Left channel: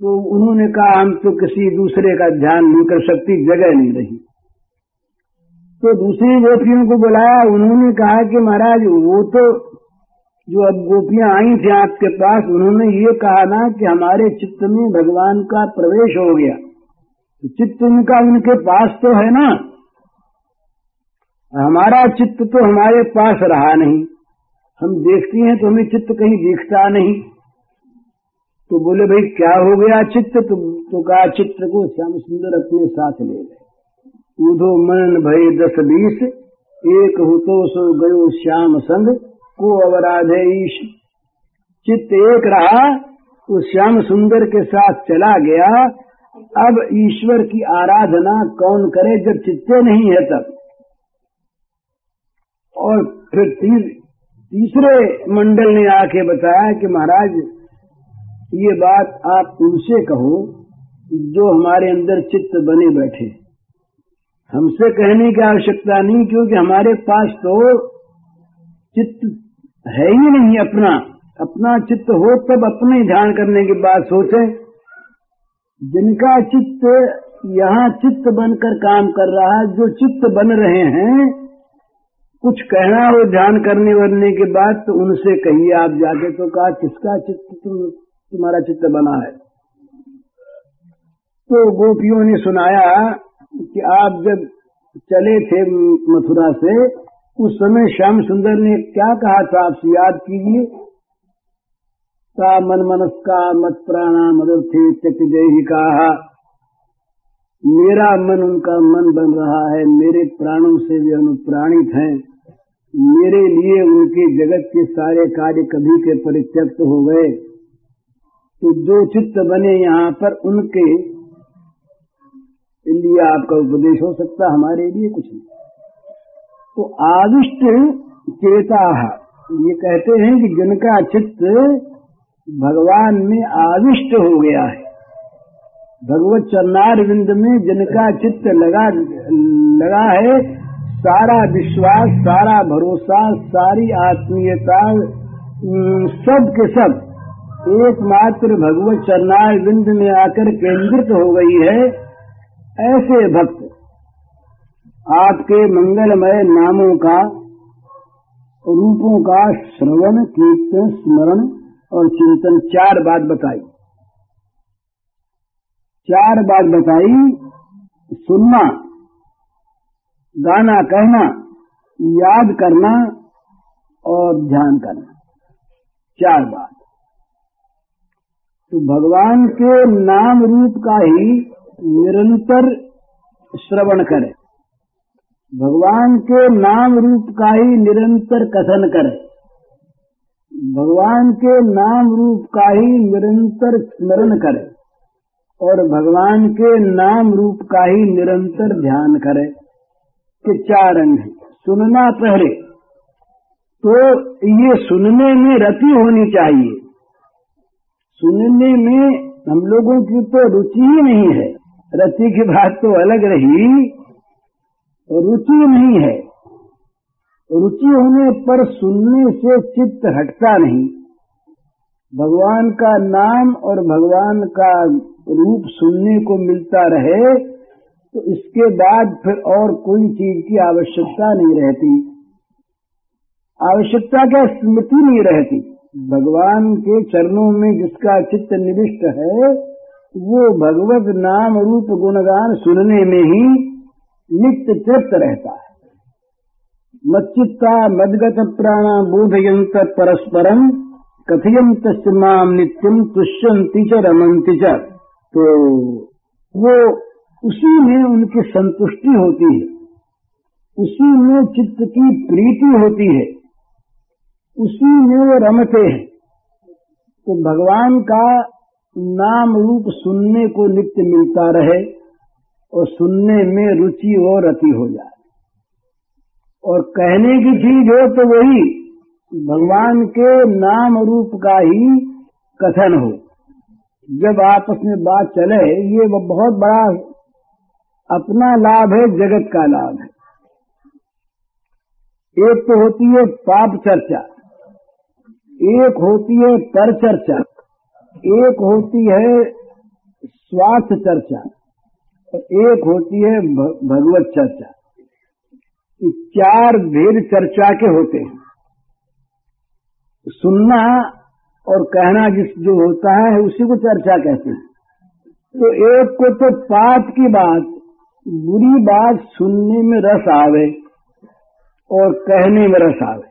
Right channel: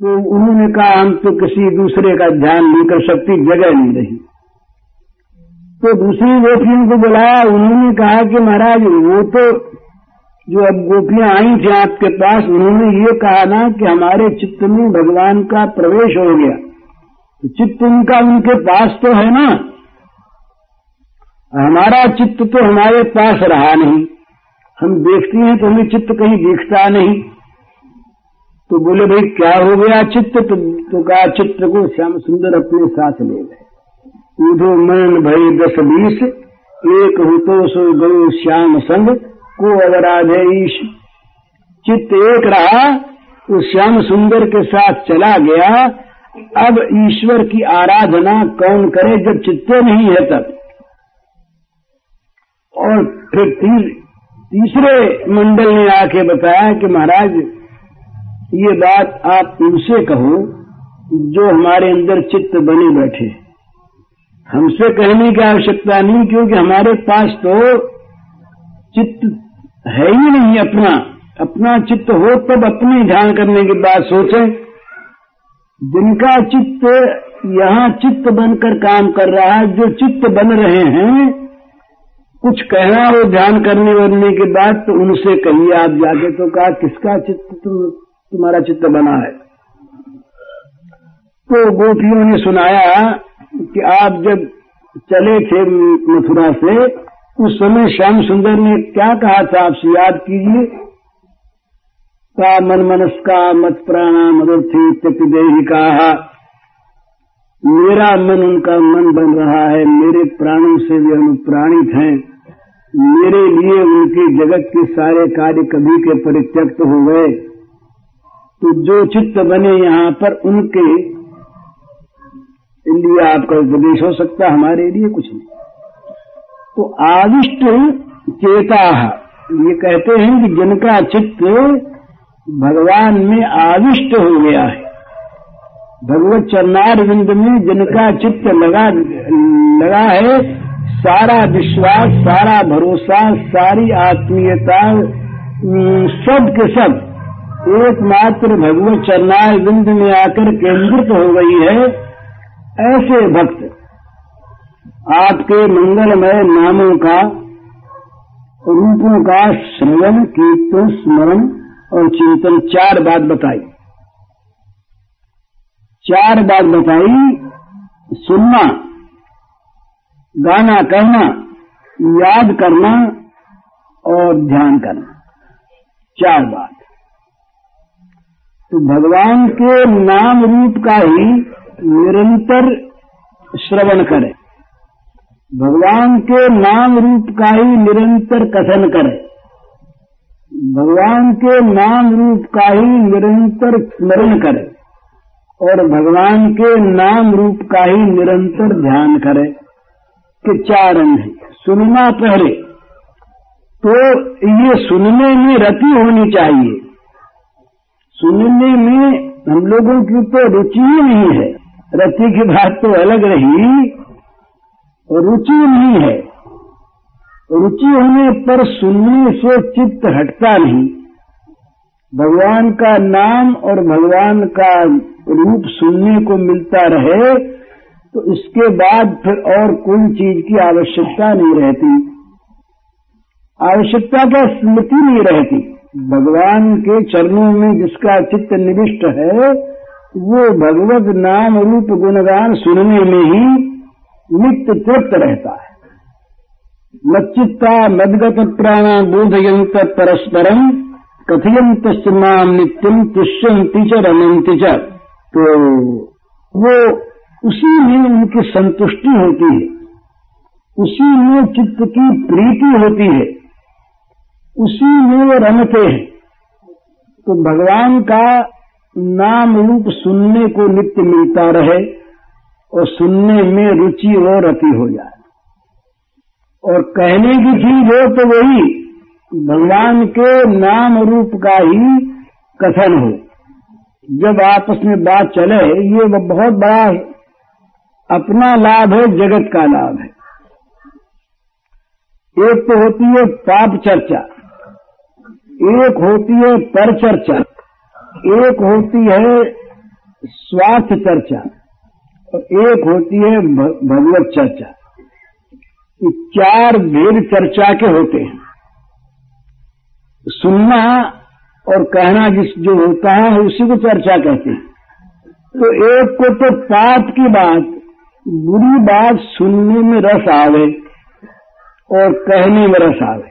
तो उन्होंने कहा हम तो किसी दूसरे का ध्यान नहीं कर सकती, जगह नहीं रही। तो दूसरी गोपियों को बुलाया, उन्होंने कहा कि महाराज वो तो जो अब गोपियां आई थी आपके पास, उन्होंने ये कहा ना कि हमारे चित्त में भगवान का प्रवेश हो गया, तो चित्त उनका उनके पास तो है ना, हमारा चित्त तो हमारे पास रहा नहीं, हम देखते हैं तो हमें चित्त कहीं दिखता नहीं। तो बोले भाई क्या हो गया चित्त? तो कहा चित्त को श्याम सुंदर अपने साथ ले गए। उधो मन भई 10-20, एक हुतो सो गो श्याम संग, को अवराधे ईश। चित्त एक रहा, तो श्याम सुंदर के साथ चला गया। अब ईश्वर की आराधना कौन करे जब चित्त नहीं है तब? और फिर तीसरे मंडल ने आके बताया कि महाराज ये बात आप उनसे कहो जो हमारे अंदर चित्त बने बैठे, हमसे कहने की आवश्यकता नहीं, क्योंकि हमारे पास तो चित्त है ही नहीं अपना। अपना चित्त हो तब अपने ध्यान करने की बात सोचें। जिनका चित्त यहाँ चित्त बनकर काम कर रहा है, जो चित्त बन रहे हैं, कुछ कहना हो ध्यान करने बनने के बाद तो उनसे कहिए आप जाके। तो कहा किसका चित्त तुम्हारा चित्त बना है? तो गोपियों ने सुनाया कि आप जब चले थे मथुरा से, उस समय श्याम सुंदर ने क्या कहा था आपसे याद कीजिए। का मन मनस्का मत प्राणा मदर्थी त्यक्तदेहि कहा, मेरा मन उनका मन बन रहा है, मेरे प्राणों से भी अनुप्राणित हैं, मेरे लिए उनके जगत के सारे कार्य कभी के परित्यक्त हो गए। तो जो चित्त बने यहाँ पर उनके लिए आपका उपदेश हो सकता है, हमारे लिए कुछ नहीं। तो आविष्ट चेता, ये कहते हैं कि जिनका चित्त भगवान में आविष्ट हो गया है, भगवत चरणारविंद में जिनका चित्त लगा है, सारा विश्वास, सारा भरोसा, सारी आत्मीयता सब के सब एकमात्र भगवत चरणारविंद में आकर केंद्रित हो गई है। ऐसे भक्त आपके मंगलमय नामों का, रूपों का श्रवण, कीर्तन, स्मरण और चिंतन, 4 बात बताई। 4 बात बताई, सुनना, गाना, कहना, याद करना और ध्यान करना, 4 बात। तो भगवान के नाम रूप का ही निरंतर श्रवण करें, भगवान के नाम रूप का ही निरंतर कथन करें, भगवान के नाम रूप का ही निरंतर स्मरण करें और भगवान के नाम रूप का ही निरंतर ध्यान करें। के 4 अंग हैं। सुनना पहले तो ये सुनने में रति होनी चाहिए। सुनने में हम लोगों की तो रुचि ही नहीं है, रति की बात तो अलग रही, रुचि नहीं है। रुचि होने पर सुनने से चित्त हटता नहीं। भगवान का नाम और भगवान का रूप सुनने को मिलता रहे तो इसके बाद फिर और कोई चीज की आवश्यकता नहीं रहती। आवश्यकता क्या, स्मृति नहीं रहती। भगवान के चरणों में जिसका चित्त निविष्ट है वो भगवत नाम रूप गुणगान सुनने में ही नित्य तृप्त रहता है। मच्चित्ता मद्गत प्राणा बोधयंत परस्परम कथयंत नाम नित्यम तुष्यंति च रमंति च। तो वो उसी में उनकी संतुष्टि होती है, उसी में चित्त की प्रीति होती है, उसी में वो रमते हैं। तो भगवान का नाम रूप सुनने को नित्य मिलता रहे और सुनने में रुचि और रति हो जाए। और कहने की चीज हो तो वही भगवान के नाम रूप का ही कथन हो। जब आपस में बात चले, ये बहुत बड़ा अपना लाभ है, जगत का लाभ है। एक तो होती है पाप चर्चा, एक होती है पर चर्चा, एक होती है स्वार्थ चर्चा और एक होती है भगवत चर्चा। ये 4 भेद चर्चा के होते हैं। सुनना और कहना जो होता है उसी को चर्चा कहते हैं। तो एक को तो पाप की बात, बुरी बात सुनने में रस आवे और कहने में रस आवे,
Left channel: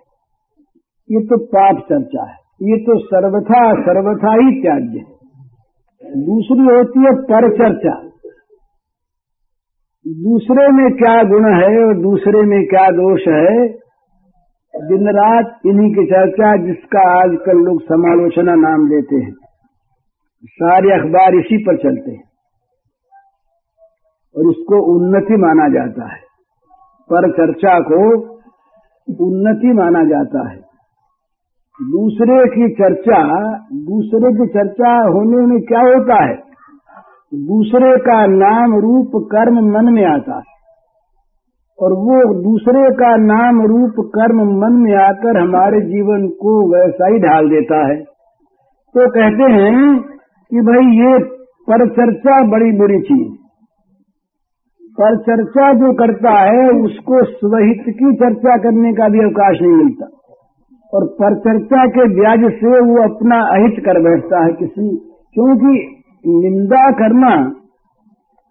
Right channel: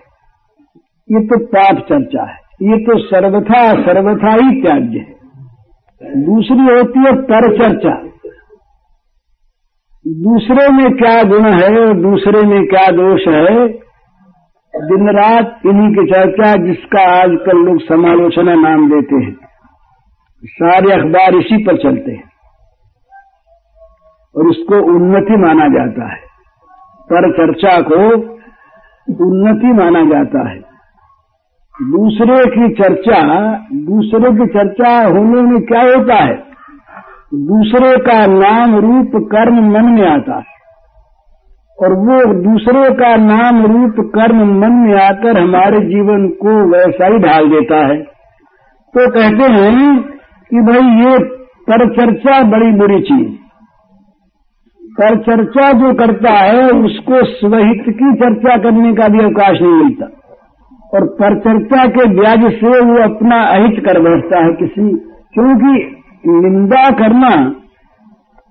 ये तो पाप चर्चा है, ये तो सर्वथा ही त्याज्य है। दूसरी होती है पर चर्चा, दूसरे में क्या गुण है और दूसरे में क्या दोष है, दिन रात इन्हीं की चर्चा, जिसका आजकल लोग समालोचना नाम देते हैं। सारे अखबार इसी पर चलते हैं और उसको उन्नति माना जाता है। पर चर्चा को उन्नति माना जाता है। दूसरे की चर्चा होने में क्या होता है, दूसरे का नाम रूप कर्म मन में आता है और वो दूसरे का नाम रूप कर्म मन में आकर हमारे जीवन को वैसा ही ढाल देता है। तो कहते हैं कि भाई ये परचर्चा बड़ी बुरी चीज। परचर्चा जो करता है उसको स्वहित की चर्चा करने का भी अवकाश नहीं मिलता और परचर्चा के ब्याज से वो अपना अहित कर बैठता है किसी, क्योंकि निंदा करना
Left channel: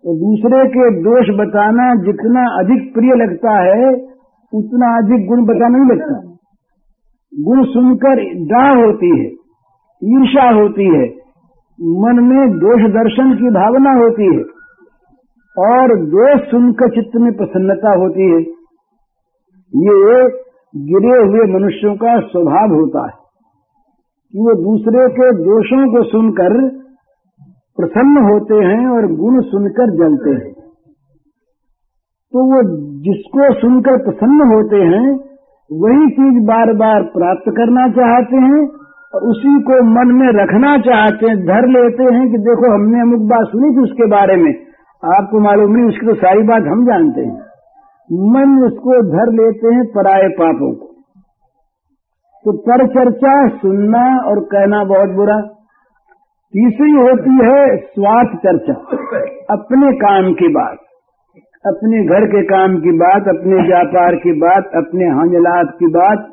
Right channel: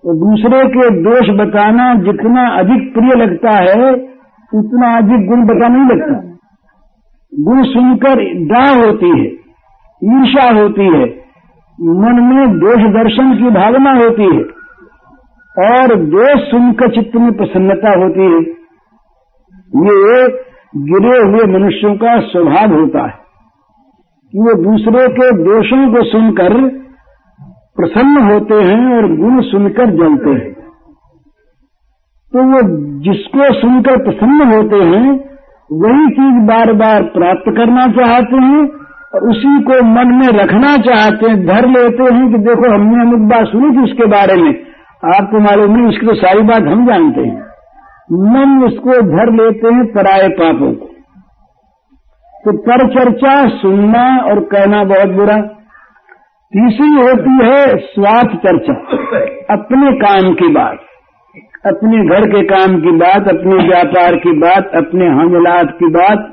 और दूसरे के दोष बताना जितना अधिक प्रिय लगता है उतना अधिक गुण बता नहीं लगता। गुण सुनकर दाह होती है, ईर्ष्या होती है, मन में दोष दर्शन की भावना होती है और दोष सुनकर चित्त में प्रसन्नता होती है। ये गिरे हुए मनुष्यों का स्वभाव होता है कि वो दूसरे के दोषों को सुनकर प्रसन्न होते हैं और गुण सुनकर जलते हैं। तो वो जिसको सुनकर प्रसन्न होते हैं वही चीज बार बार प्राप्त करना चाहते हैं और उसी को मन में रखना चाहते हैं, धर लेते हैं कि देखो हमने अमुक बात सुनी थी उसके बारे में, आपको मालूम नहीं, उसकी तो सारी बात हम जानते हैं। मन उसको धर लेते हैं पराये पापों को। तो पर चर्चा सुनना और कहना बहुत बुरा। तीसरी होती है स्वार्थ चर्चा, अपने काम की बात, अपने घर के काम की बात, अपने व्यापार की बात, अपने हामलात की बात।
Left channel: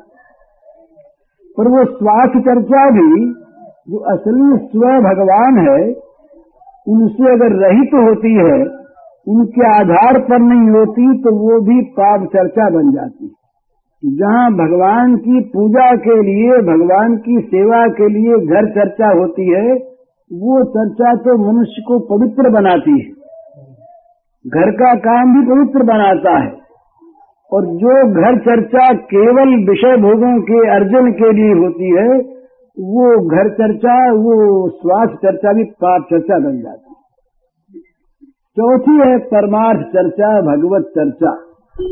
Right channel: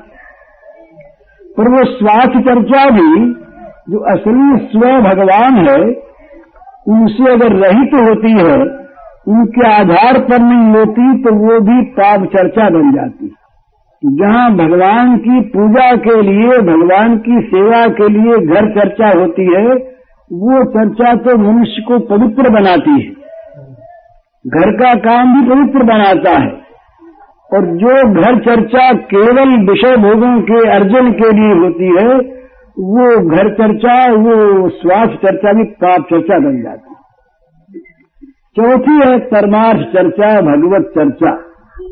पर वो स्वार्थ चर्चा भी जो असली स्व भगवान है उनसे अगर रहित होती है, उनके आधार पर नहीं होती, तो वो भी पाप चर्चा बन जाती। जहाँ भगवान की पूजा के लिए, भगवान की सेवा के लिए घर चर्चा होती है, वो चर्चा तो मनुष्य को पवित्र बनाती है, घर का काम भी पवित्र बनाता है। और जो घर चर्चा केवल विषय भोगों के अर्जन के लिए होती है, वो घर चर्चा, वो स्वार्थ चर्चा भी पाप चर्चा बन जाती है। चौथी है परमार्थ चर्चा, भगवत चर्चा,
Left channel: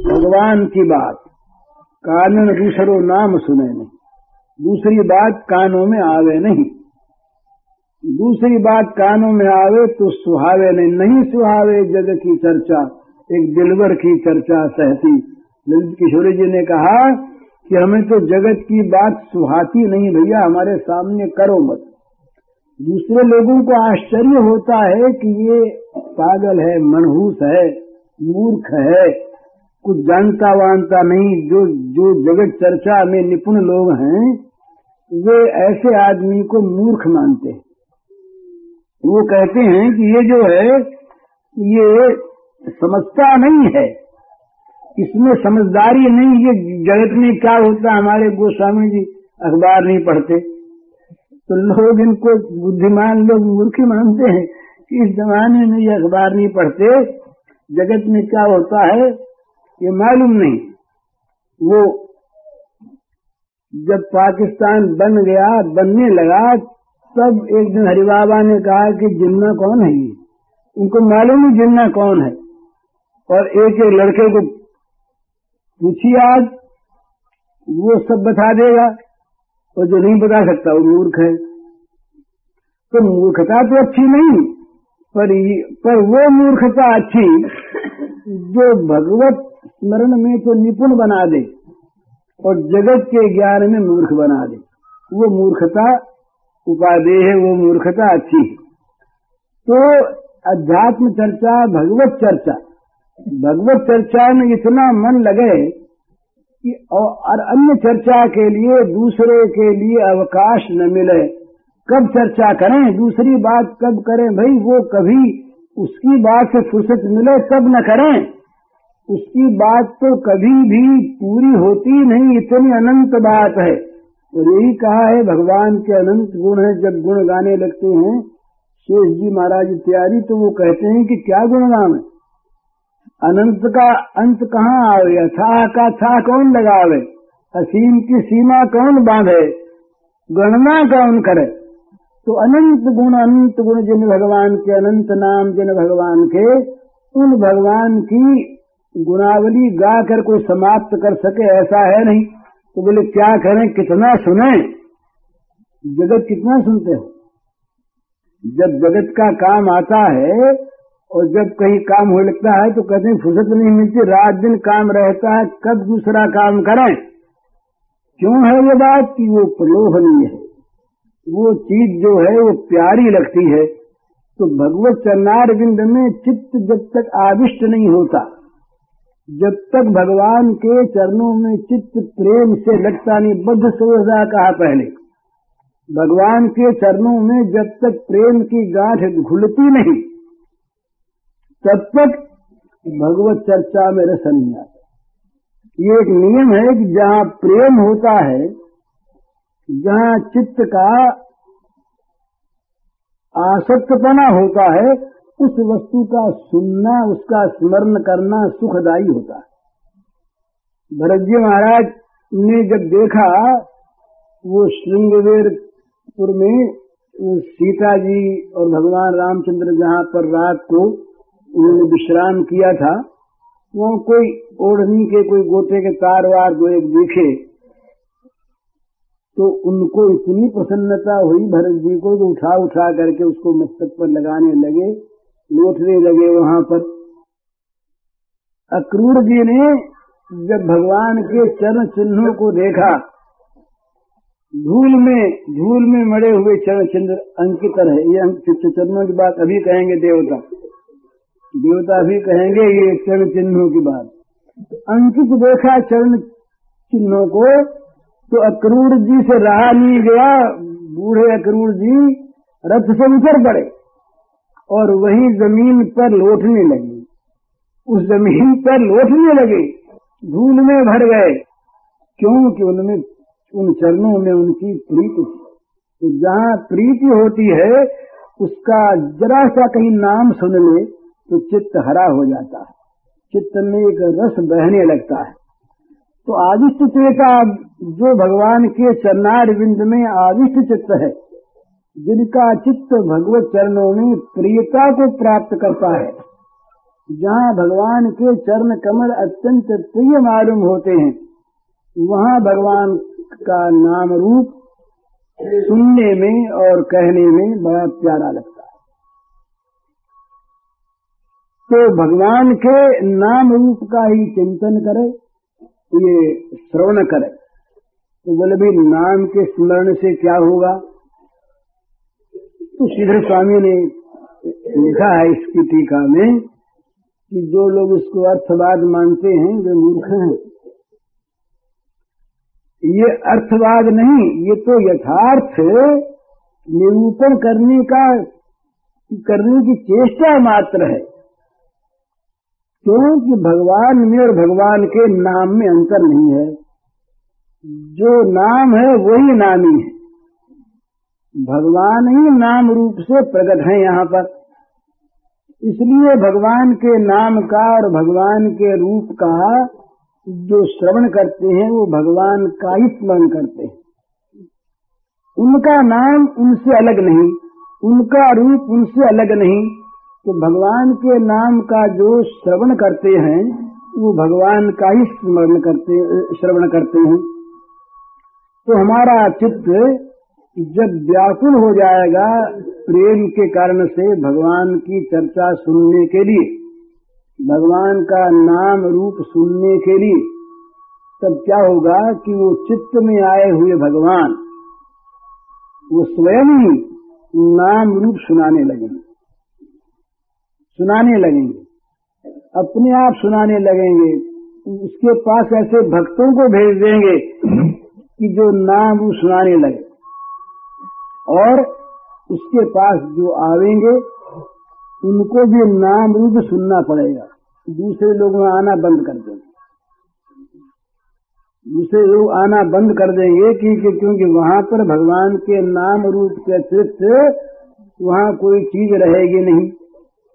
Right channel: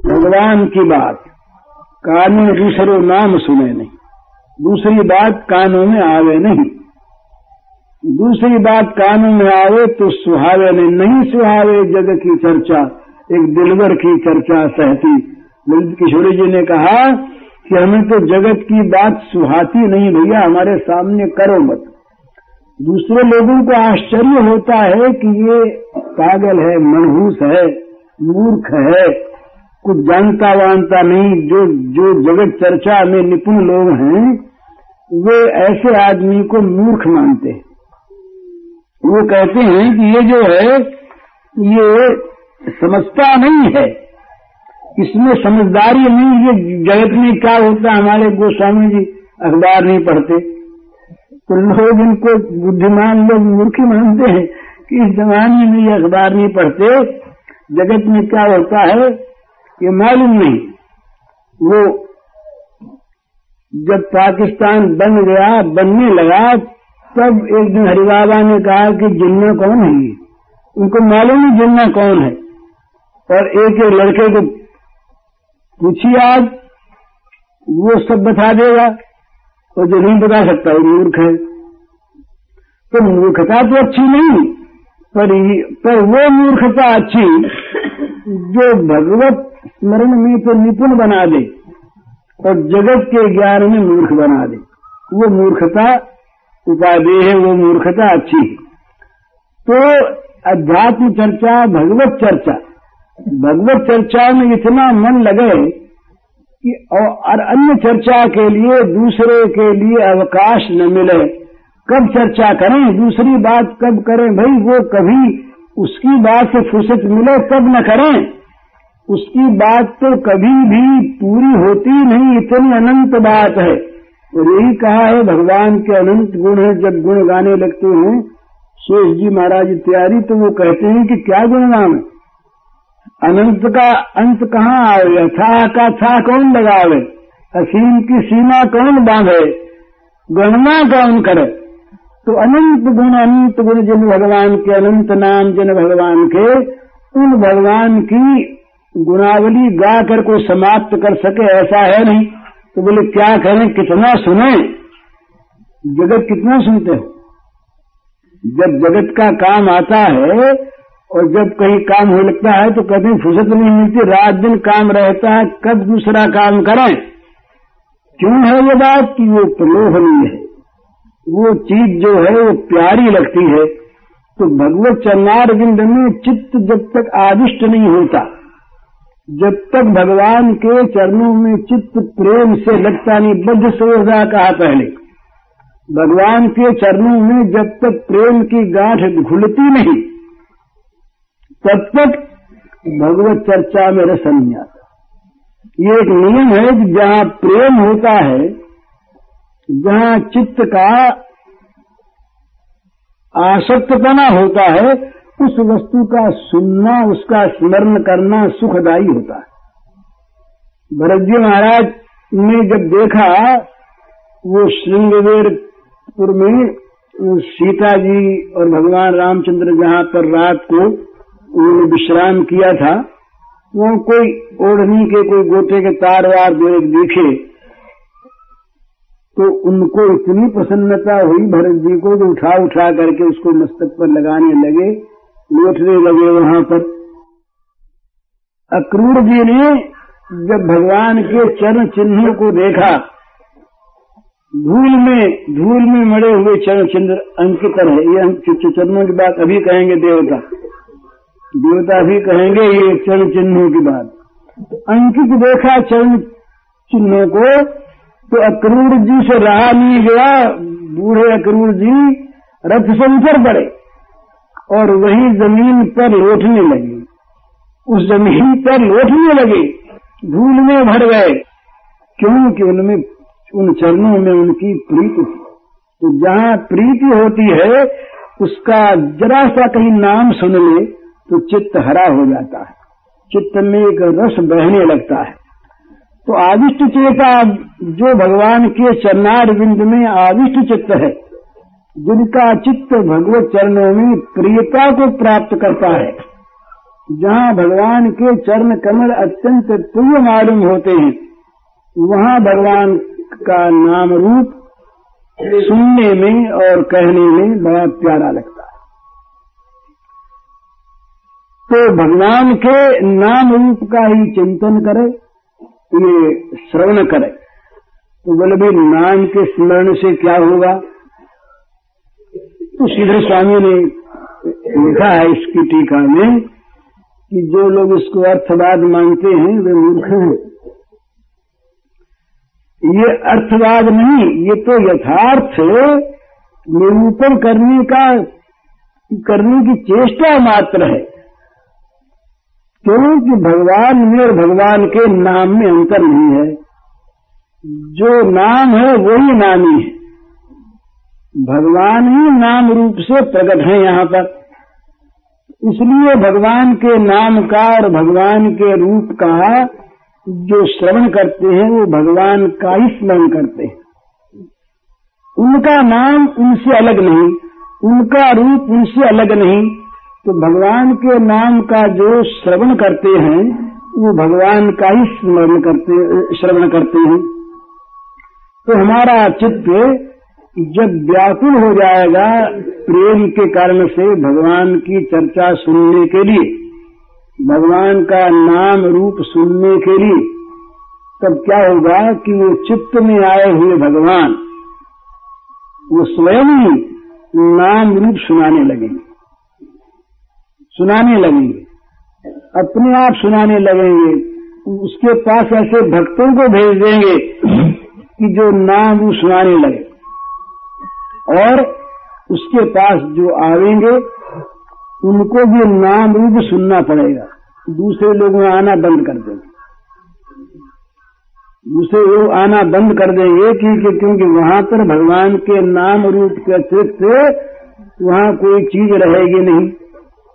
भगवान की बात कान में दूसरे नाम सुने नहीं, दूसरी बात कानों में आवे नहीं, दूसरी बात कानों में आवे तो सुहावे नहीं सुहावे जग की चर्चा, एक दिलवर की चर्चा सहती। ललित किशोरी जी ने कहा कि हमें तो जगत की बात सुहाती नहीं भैया, हमारे सामने करो मत। दूसरे लोगों को आश्चर्य होता है कि ये पागल है, मनहूस है, मूर्ख है, कुछ जानता वानता नहीं। जो जगत चर्चा में निपुण लोग हैं वे ऐसे आदमी को मूर्ख मानते हैं। वो कहते हैं कि ये जो है ये समझता नहीं है, इसमें समझदारी नहीं। ये जगत में क्या होता है, हमारे गोस्वामी जी अखबार नहीं पढ़ते तो लोग इनको बुद्धिमान लोग मूर्खी मानते हैं कि इस जमाने में ये अखबार नहीं पढ़ते, जगत में क्या होता है ये मालूम नहीं। वो जब पाकिस्तान बन गया, बनने लगा, तब एक दिन हरिबाबा ने कहा कि जिन्ना कौन है ये, उनको मालूम नहीं जिन्ना कौन है। और एक लड़के को पूछिए आज, वो सब बता देगा, और जो नहीं बता सकता वो मूर्ख है। तो मूर्खता तो अच्छी नहीं, पर वो मूर्खता अच्छी जो भगवत स्मरण में तो निपुण बना दे और जगत के ज्ञान में मूर्ख बना दे, वो मूर्खता उपादेय है, वो मूर्खता अच्छी है। तो अध्यात्म चर्चा, भगवत चर्चा में इतना मन लगे कि और अन्य चर्चा के लिए, दूसरे के लिए अवकाश न मिले। कब चर्चा करें, दूसरी बात कब करें भाई? वो कभी उसकी बात से फुर्सत मिले तब न करें। उसकी बात तो कभी भी पूरी होती नहीं, इतनी अनंत बात है। और यही कहा है भगवान के अनंत गुण है। जब गुण गाने लगते हैं शेष जी महाराज इत्यादि, तो वो कहते हैं कि क्या गुण गान, अनंत का अंत कहाँ आवे, अथाह का था कौन लगावे, असीम की सीमा कौन बांधे, गणना कौन करे। तो अनंत गुण जिन भगवान के, अनंत नाम जिन भगवान के, उन भगवान की गुणावली गा कर को समाप्त कर सके ऐसा है नहीं। तो बोले क्या करें, कितना सुने, जगत कितना सुनते हो। जब जगत का काम आता है और जब कहीं काम हो लगता है तो कभी फुर्सत नहीं मिलती, रात दिन काम रहता है, कब दूसरा काम करें। क्यों है ये बात कि वो प्रलोभनीय है, वो चीज जो है वो प्यारी लगती है। तो भगवत चरणारविंद में चित्त जब तक आदिष्ट नहीं होता, जब तक भगवान के चरणों में चित्त प्रेम से लगता नहीं, बद्ध सोजा कहा पहले, भगवान के चरणों में जब तक प्रेम की गांठ घुलती नहीं तब तक भगवत चर्चा में रस नहीं आता। ये एक नियम है कि जहां प्रेम होता है, जहां चित्त का आसक्तपना होता है, उस वस्तु का सुनना, उसका स्मरण करना सुखदायी होता है। भरत जी महाराज ने जब देखा वो श्रृंगवेरपुर में सीता जी और भगवान रामचंद्र जहां पर रात को उन्होंने विश्राम किया था, वहां कोई ओढ़नी के, कोई गोटे के तार वार दिखे, तो उनको इतनी प्रसन्नता हुई भरत जी को, जो उठा उठा करके उसको मस्तक पर लगाने लगे, लौटने लगे वहां पर। अक्रूर जी ने जब भगवान के चरण चिन्हों को देखा, धूल में मरे हुए चरण चिन्ह अंकित है। ये चरणों की बात अभी कहेंगे, देवता भी कहेंगे ये चरण चिन्हों की बात। अंकित देखा चरण चिन्हों को, तो अक्रूर जी से रहा नहीं गया। बूढ़े अक्रूर जी रथ से उतर पड़े और वही जमीन पर लौटने लगे, उस जमीन पर लौटने लगे, धूल में भर गए। क्योंकि उनमें, उन चरणों में उनकी प्रीति थी। तो जहां प्रीति होती है उसका जरा सा कहीं नाम सुन ले तो चित्त हरा हो जाता है, चित्त में एक रस बहने लगता है। तो आविष्ट चेता जो भगवान के चरणारविंद में आविष्ट चित्त है, जिनका चित्त भगवत चरणों में प्रियता को प्राप्त करता है, जहां भगवान के चरण कमल अत्यंत प्रिय मालूम होते हैं, वहां भगवान का नाम रूप सुनने में और कहने में बड़ा प्यारा लगता है। तो भगवान के नाम रूप का ही चिंतन करे, ये श्रवण करे। तो बोले भी नाम के स्मरण से क्या होगा? तो श्रीधर स्वामी ने लिखा है इसकी टीका में कि जो लोग इसको अर्थवाद मानते हैं वे मूर्ख हैं। ये अर्थवाद नहीं, ये तो यथार्थ निरूपण करने की चेष्टा मात्र है। क्योंकि भगवान में और भगवान के नाम में अंतर नहीं है। जो नाम है वही नामी है, भगवान ही नाम रूप से प्रकट है यहाँ पर। इसलिए भगवान के नाम का और भगवान के रूप का जो श्रवण करते हैं वो भगवान का ही स्मरण करते हैं। उनका नाम उनसे अलग नहीं, उनका रूप उनसे अलग नहीं। तो भगवान के नाम का जो श्रवण करते हैं वो भगवान का ही श्रवण करते हैं। तो हमारा चित्त जब व्याकुल हो जाएगा प्रेम के कारण से भगवान की चर्चा सुनने के लिए, भगवान का नाम रूप सुनने के लिए, तब क्या होगा कि वो चित्त में आए हुए भगवान वो स्वयं ही नाम रूप सुनाने लगेंगे। सुनाने लगेंगे, अपने आप सुनाने लगेंगे। उसके पास ऐसे भक्तों को भेज देंगे कि जो नाम वो सुनाने लगे, और उसके पास जो आवेंगे उनको भी नाम रूप सुनना पड़ेगा। दूसरे लोग आना बंद कर देंगे, दूसरे लोग आना बंद कर देंगे क्योंकि वहां पर भगवान के नाम रूप के अतिरिक्त वहां कोई चीज रहेगी नहीं।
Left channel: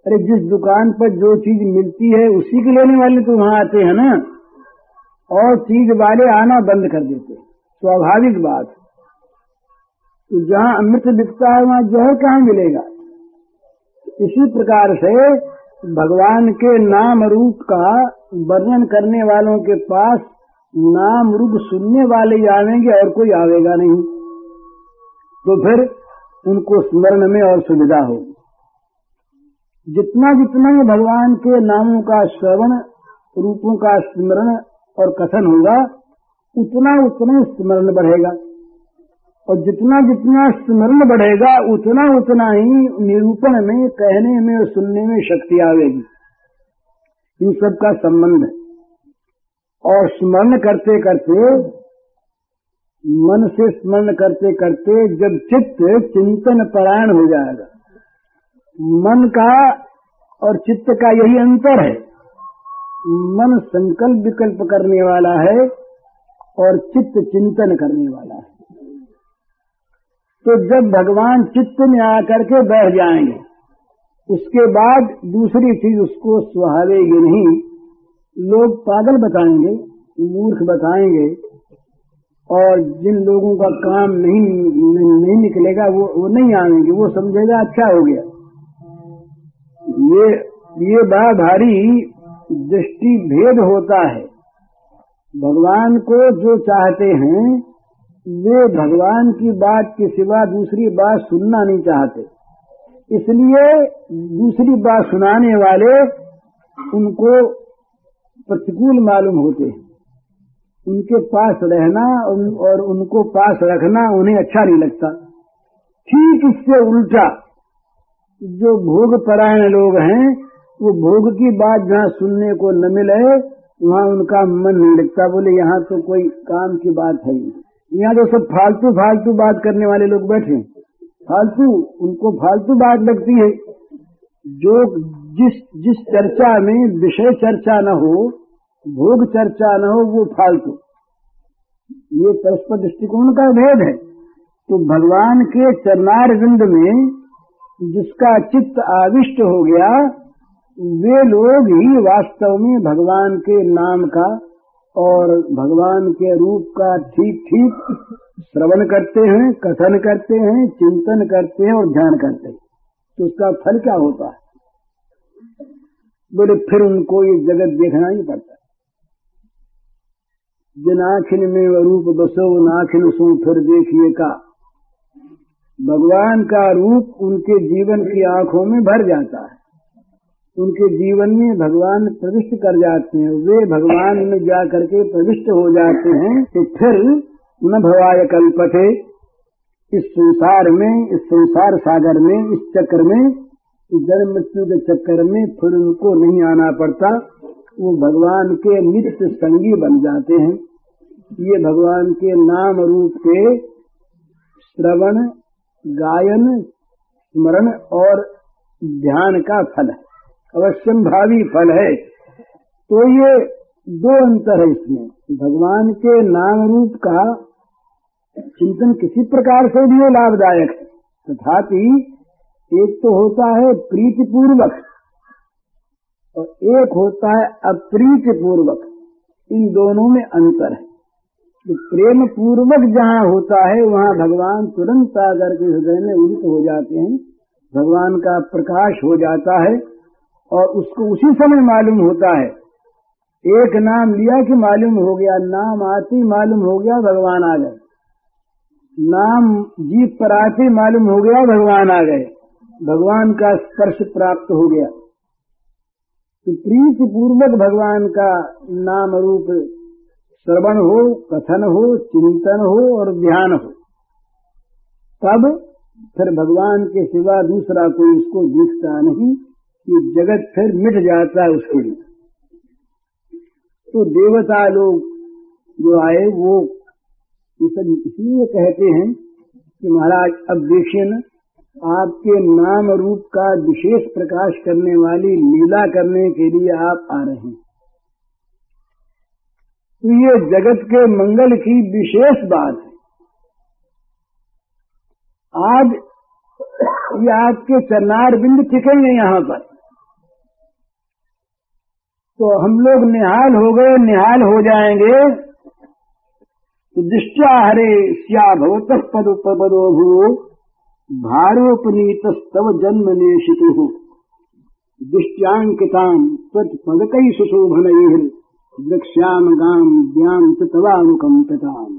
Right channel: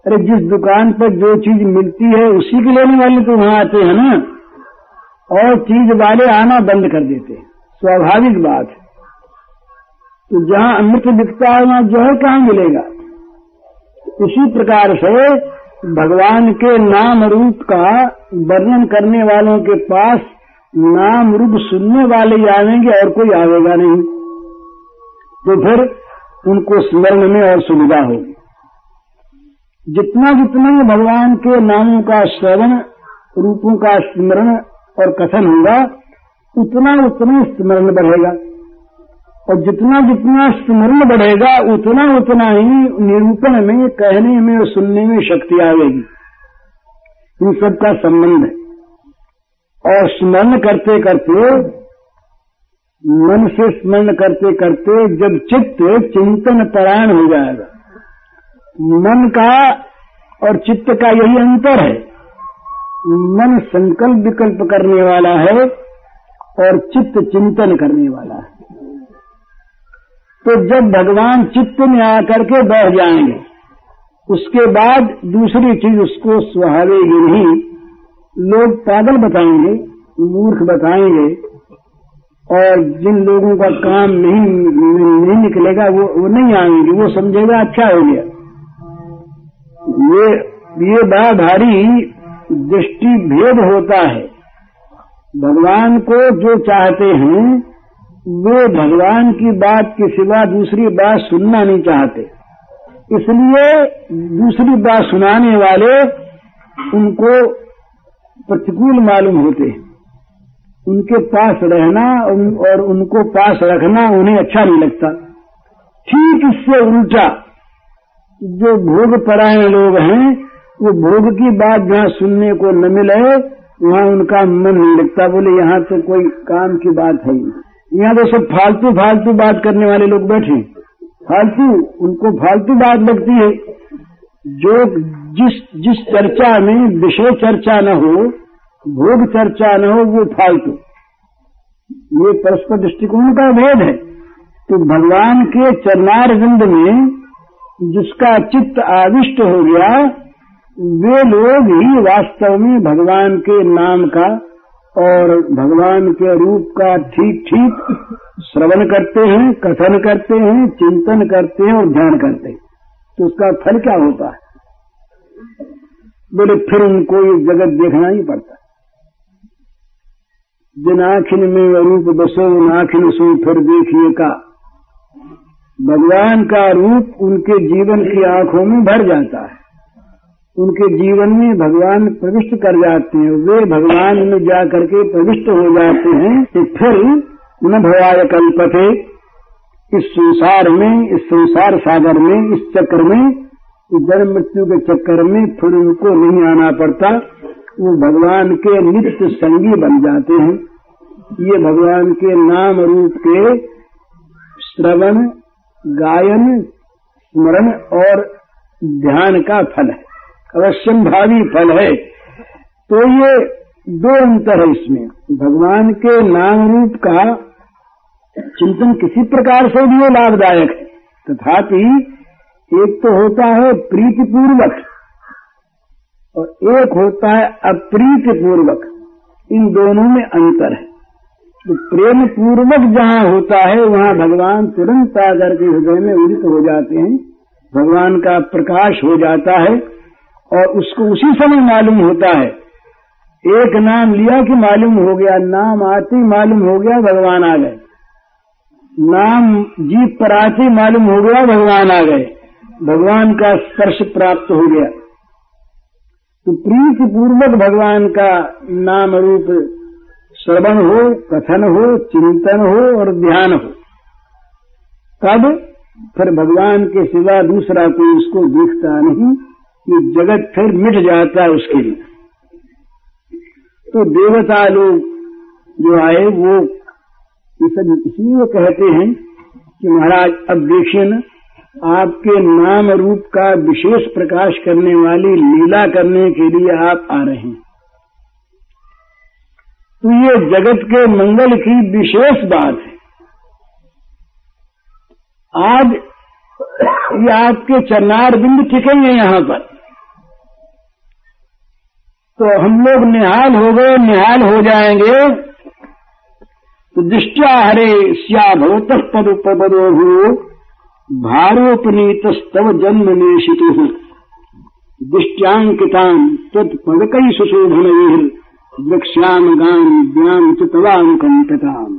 अरे जिस दुकान पर जो चीज मिलती है उसी के लेने वाले तो वहां आते हैं ना, और चीज वाले आना बंद कर देते हैं, स्वाभाविक बात है। तो जहां अमृत बिकता है वहां जहर कहाँ मिलेगा। इसी प्रकार से भगवान के नाम रूप का वर्णन करने वालों के पास नाम रूप सुनने वाले ही आवेंगे और कोई आवेगा नहीं। तो फिर उनको स्मरण में और सुविधा होगी। जितना जितना भगवान के नामों का श्रवण, रूपों का स्मरण और कथन होगा, उतना उतना स्मरण बढ़ेगा, और जितना जितना स्मरण बढ़ेगा उतना उतना ही निरूपण में, कहने में और सुनने में शक्ति आएगी। इन सबका संबंध है। और स्मरण करते करते, मन से स्मरण करते करते जब चित्त चिंतन परायण हो जाएगा, मन का और चित्त का यही अंतर है। मन संकल्प विकल्प करने वाला है और चित्त चिंतन करने वाला है। तो जब भगवान चित्त में आकर के बैठ जाएंगे, उसके बाद दूसरी चीज उसको सुहावेगी नहीं। लोग पागल बताएंगे, मूर्ख बताएंगे, और जिन लोगों का काम नहीं निकलेगा वो नहीं आएंगे, वो समझेगा अच्छा हो गया। ये बड़ा भारी दृष्टि भेद होता है। भगवान को जो चाहते हैं वे भगवान की बात के सिवा दूसरी बात सुनना नहीं चाहते, इसलिए दूसरी बात सुनाने वाले उनको प्रतिकूल मालूम होते हैं। उनके पास रहना और उनको पास रखना उन्हें अच्छा नहीं लगता। ठीक इससे उल्टा जो भोग परायण लोग हैं, वो भोग की बात जहाँ सुनने को न मिले वहाँ उनका मन नहीं लगता। बोले यहाँ तो कोई काम की बात है ही, यहाँ तो सब फालतू फालतू बात करने वाले लोग बैठे, फालतू, उनको फालतू बात लगती है। जो जिस चर्चा में विषय चर्चा न हो, भोग चर्चा न हो, वो फालतू। ये परस्पर दृष्टिकोण का भेद है। तो भगवान के चरणारविंद में जिसका चित्त आविष्ट हो गया, वे लोग ही वास्तव में भगवान के नाम का और भगवान के रूप का ठीक ठीक श्रवण करते हैं, कथन करते हैं, चिंतन करते हैं और ध्यान करते हैं। तो उसका फल क्या होता है? बोले फिर उनको ये जगत देखना ही पड़ता है। जिन आँखिन में रूप बसो उन आँखिन सो फिर देखिए का। भगवान का रूप उनके जीवन की आंखों में भर जाता है, उनके जीवन में भगवान प्रविष्ट कर जाते हैं, वे भगवान में जा करके प्रविष्ट हो जाते हैं। तो फिर न भयाय कल्पते, इस संसार में, इस संसार सागर में, इस चक्र में, इस जन्म मृत्यु के चक्कर में फिर उनको नहीं आना पड़ता। वो भगवान के नित्य संगी बन जाते हैं। ये भगवान के नाम रूप के श्रवण, गायन, स्मरण और ध्यान का फल है, अवश्यम भावी फल है। तो ये दो अंतर है इसमें। भगवान के नाम रूप का चिंतन किसी प्रकार से भी लाभदायक है, तथापि एक तो होता है प्रीतिपूर्वक और एक होता है अप्रीतिपूर्वक। इन दोनों में अंतर है। तो प्रेम पूर्वक जहाँ होता है वहाँ भगवान तुरंत आकर के हृदय में उदित हो जाते हैं, भगवान का प्रकाश हो जाता है और उसको उसी समय मालूम होता है। एक नाम लिया कि मालूम हो गया, नाम आते ही मालूम हो गया भगवान आ गए, नाम जीभ पर आते ही मालूम हो गया भगवान आ गए, भगवान का स्पर्श प्राप्त हो गया। तो प्रीति पूर्वक भगवान का नाम रूप श्रवण हो, कथन हो, चिंतन हो और ध्यान हो, तब फिर भगवान के सिवा दूसरा कोई उसको दिखता नहीं, ये जगत फिर मिट जाता है उसके लिए। तो देवता लोग जो आए वो ये सब इसलिए कहते हैं कि महाराज अब देखिए न, आपके नाम रूप का विशेष प्रकाश करने वाली लीला करने के लिए आप आ रहे हैं। तो ये जगत के मंगल की विशेष बात है। आज ये आपके चरणार बिंद टिकेंगे यहाँ पर, तो हम लोग निहाल हो गए, निहाल हो जाएंगे। तो दृष्टिया हरे स्या भवतः पदोपदो हो भारोपनीतस्तव जन्म नेशितु दृष्ट्यांकितां तत्पदकैः सुशोभनैः वक्ष्याम गान व्याम च तवानुकंपिताम्।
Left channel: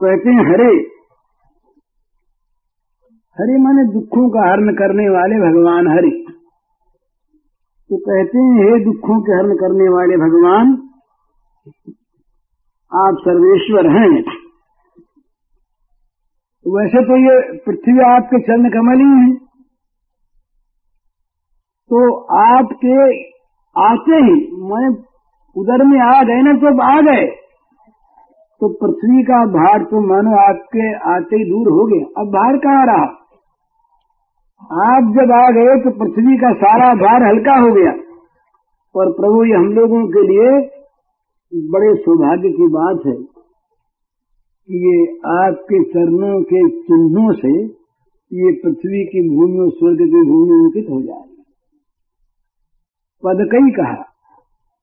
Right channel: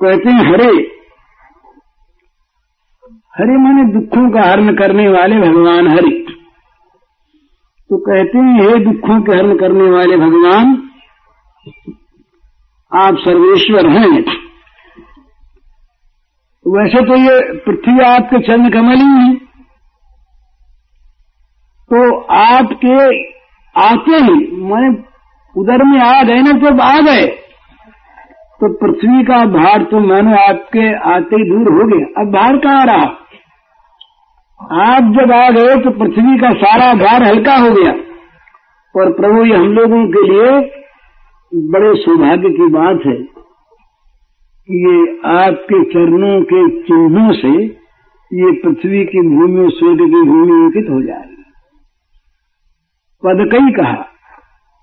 कहते हैं हरे, हरे माने दुखों का हरण करने वाले भगवान हरि। तो कहते हैं हे दुखों के हरण करने वाले भगवान, आप सर्वेश्वर हैं। वैसे तो ये पृथ्वी आपके चरण कमल ही है, तो आपके आते ही माने उधर में आ गए ना, जब आ गए तो पृथ्वी का भार तो मानो आपके आते ही दूर हो गया। अब भार कहाँ रहा? आप जब आ गए तो पृथ्वी का सारा भार हल्का हो गया। और प्रभु ये हम लोगों के लिए बड़े सौभाग्य की बात है कि ये आपके चरणों के चिन्हों से ये पृथ्वी की भूमि और स्वर्ग की भूमि अंकित हो जाएगी। पदकई कहा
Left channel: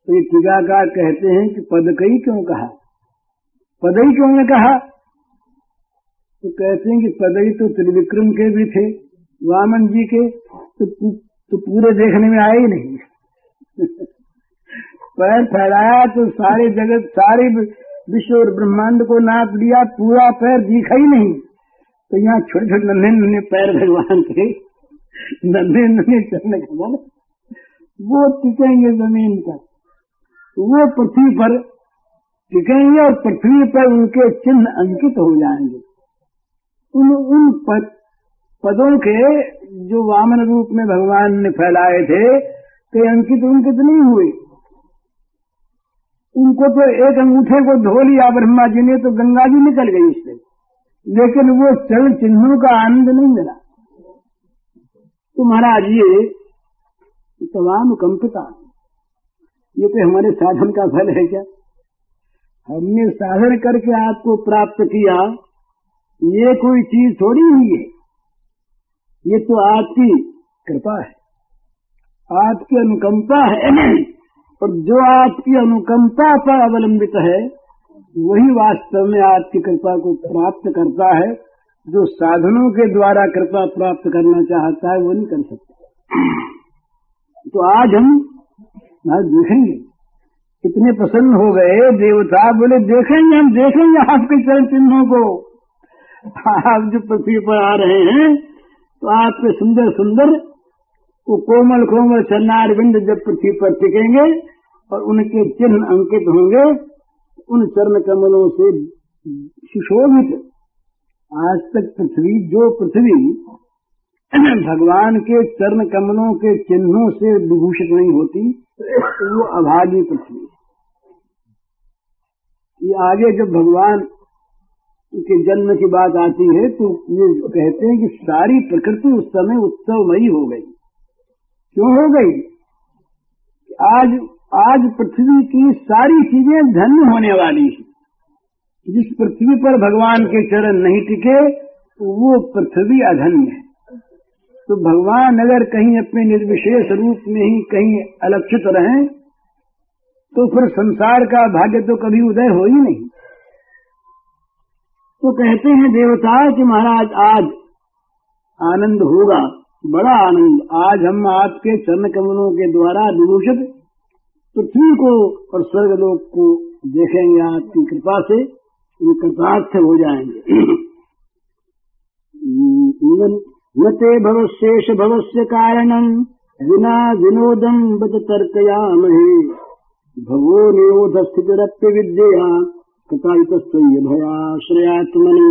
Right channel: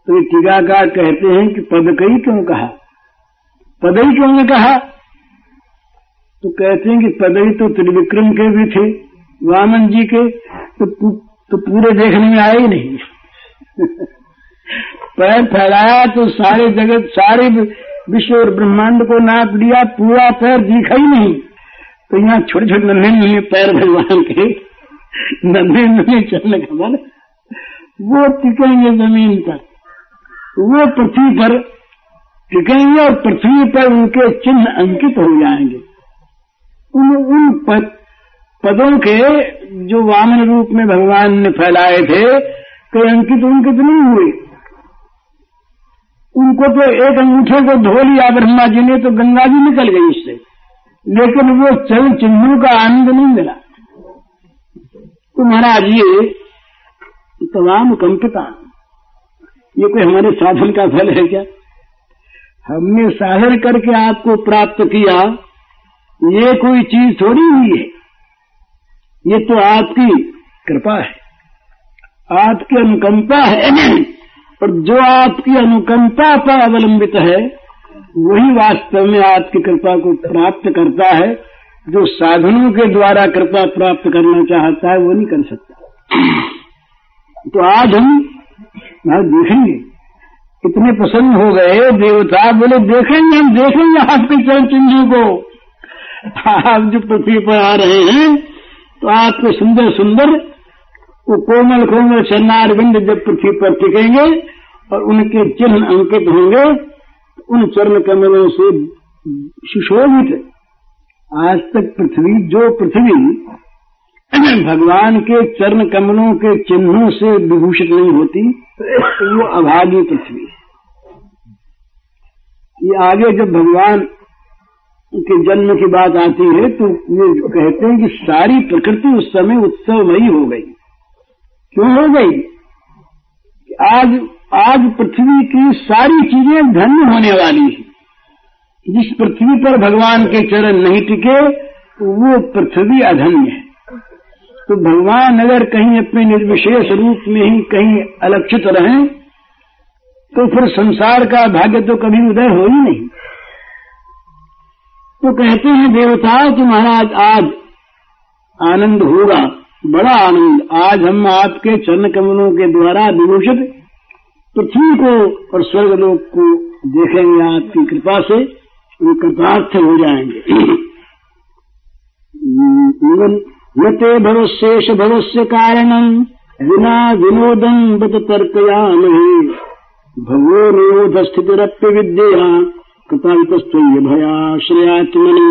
तो ये टीकाकार कहते हैं कि पदकई क्यों कहा, पदई क्यों नहीं कहा? तो कहते हैं कि पदई तो त्रिविक्रम के भी थे, वामन जी के, तो पूरे देखने में आए ही नहीं। पैर फैलाया तो सारे जगत, सारे विश्व और ब्रह्मांड को नाप लिया, पूरा पैर दिखा ही नहीं। तो यहाँ छोटे छोटे नन्हे नन्हे पैर भगवान के, नन्हे नन्हे चरण कमल, वो टिकेंगे जमीन पर, वो पृथ्वी पर टिकेंगे और पृथ्वी पर उनके चिन्ह अंकित हो जाएंगे। उन पदों के जो वामन रूप में भगवान ने फैलाए थे, कोई अंकित उनकित नहीं हुए। उनको तो एक अंगूठे को धो लिया ब्रह्मा जी ने तो गंगा जी निकल गई इससे, लेकिन वो चरण चिन्हों का आनंद नहीं मिला। तो महाराज ये तमाम कंपिता, ये कोई हमारे साधन का फल है क्या? हमने साधन करके आपको प्राप्त किया, ये कोई चीज थोड़ी हुई है, ये तो आपकी कृपा है, आपकी अनुकंपा है। और जो आपकी अनुकंपा पर अवलंबित है वही वास्तव में आपकी कृपा को प्राप्त करता है। जो साधनों के द्वारा कृपा प्राप्त करना चाहता है वो नहीं कर सकता। तो आज हम देखेंगे, इतने प्रसन्न हो गए देवता, बोले देखेंगे, हम देखेंगे आपके चरण चिन्हों को। आप जो पृथ्वी पर आ रहे हैं तो आपके सुंदर सुंदर वो कोमल कोमल चरणार बिंद जब पृथ्वी पर टिकेंगे और उनके चिन्ह अंकित होंगे, उन चरण कमलों से सुशोभित। आज तक पृथ्वी, जो पृथ्वी भगवान के चरण कमलों के चिन्हों से विभूषित नहीं होती, तो वो अभागी पृथ्वी। ये आगे जब भगवान के जन्म की बात आती है तो ये कहते हैं कि सारी प्रकृति उस समय उत्सवमयी हो गई। क्यों हो गई? आज पृथ्वी की सारी चीजें धन्य होने वाली है। जिस पृथ्वी पर भगवान के चरण नहीं टिके वो पृथ्वी अधन्य है। तो भगवान अगर कहीं अपने निर्विशेष रूप में ही कहीं अलक्षित रहें तो फिर संसार का भाग्य तो कभी उदय हो ही नहीं। तो कहते हैं देवता कि महाराज आज आनंद होगा, बड़ा आनंद। आज हम आपके चरण कमलों के द्वारा विभूषित पृथ्वी को और स्वर्गलोक को देखेंगे, आपकी कृपा से हम कृतार्थ हो जाएंगे। यते भवशेष भवस्य कारणम विना विनोदम बत तर्कयामहे भगवो निरोध स्थितिरप्य विद्या कृतायुतस्त्वय्य भयाश्रयात्मनि।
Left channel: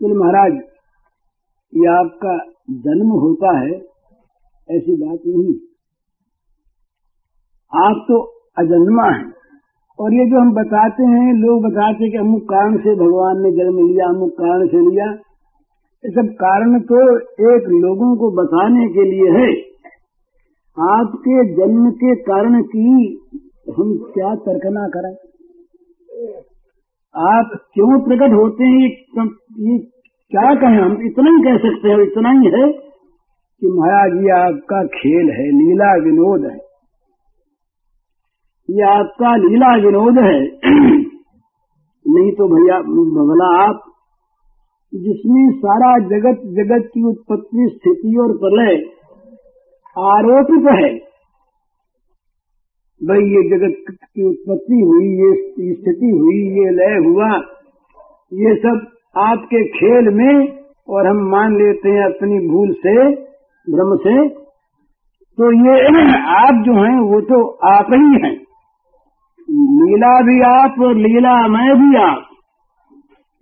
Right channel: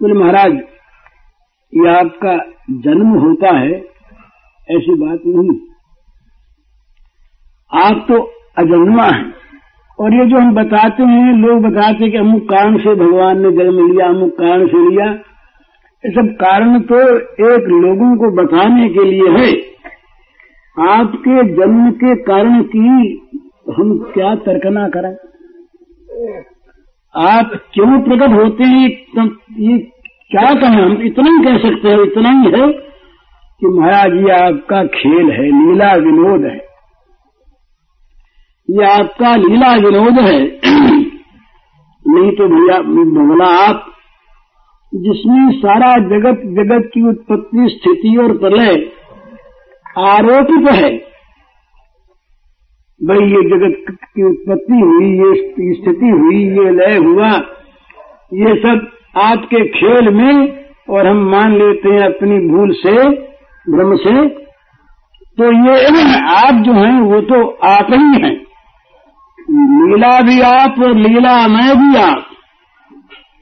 बोले महाराज ये आपका जन्म होता है, ऐसी बात नहीं। आप तो अजन्मा हैं। और ये जो हम बताते हैं, लोग बताते हैं कि अमुक कारण से भगवान ने जन्म लिया, अमुक कारण से लिया, ये सब कारण तो एक लोगों को बताने के लिए है। आपके जन्म के कारण की हम क्या तर्कना करें? आप क्यों प्रकट होते हैं, ये क्या कहें? हम इतना ही कह सकते हैं, इतना ही है कि महाराज ये आपका खेल है, लीला विनोद है, ये आपका लीला विनोद है। नहीं तो भैया भगला आप जिसमें सारा जगत, जगत की उत्पत्ति, स्थिति और प्रलय आरोपित है। भाई ये जगत की उत्पत्ति हुई, ये स्थिति हुई, ये लय हुआ, ये सब आपके खेल में, और हम मान लेते हैं अपनी भूल से, भ्रम से। तो ये आप जो हैं वो तो आप ही हैं, लीला भी आप और लीलामय भी आप।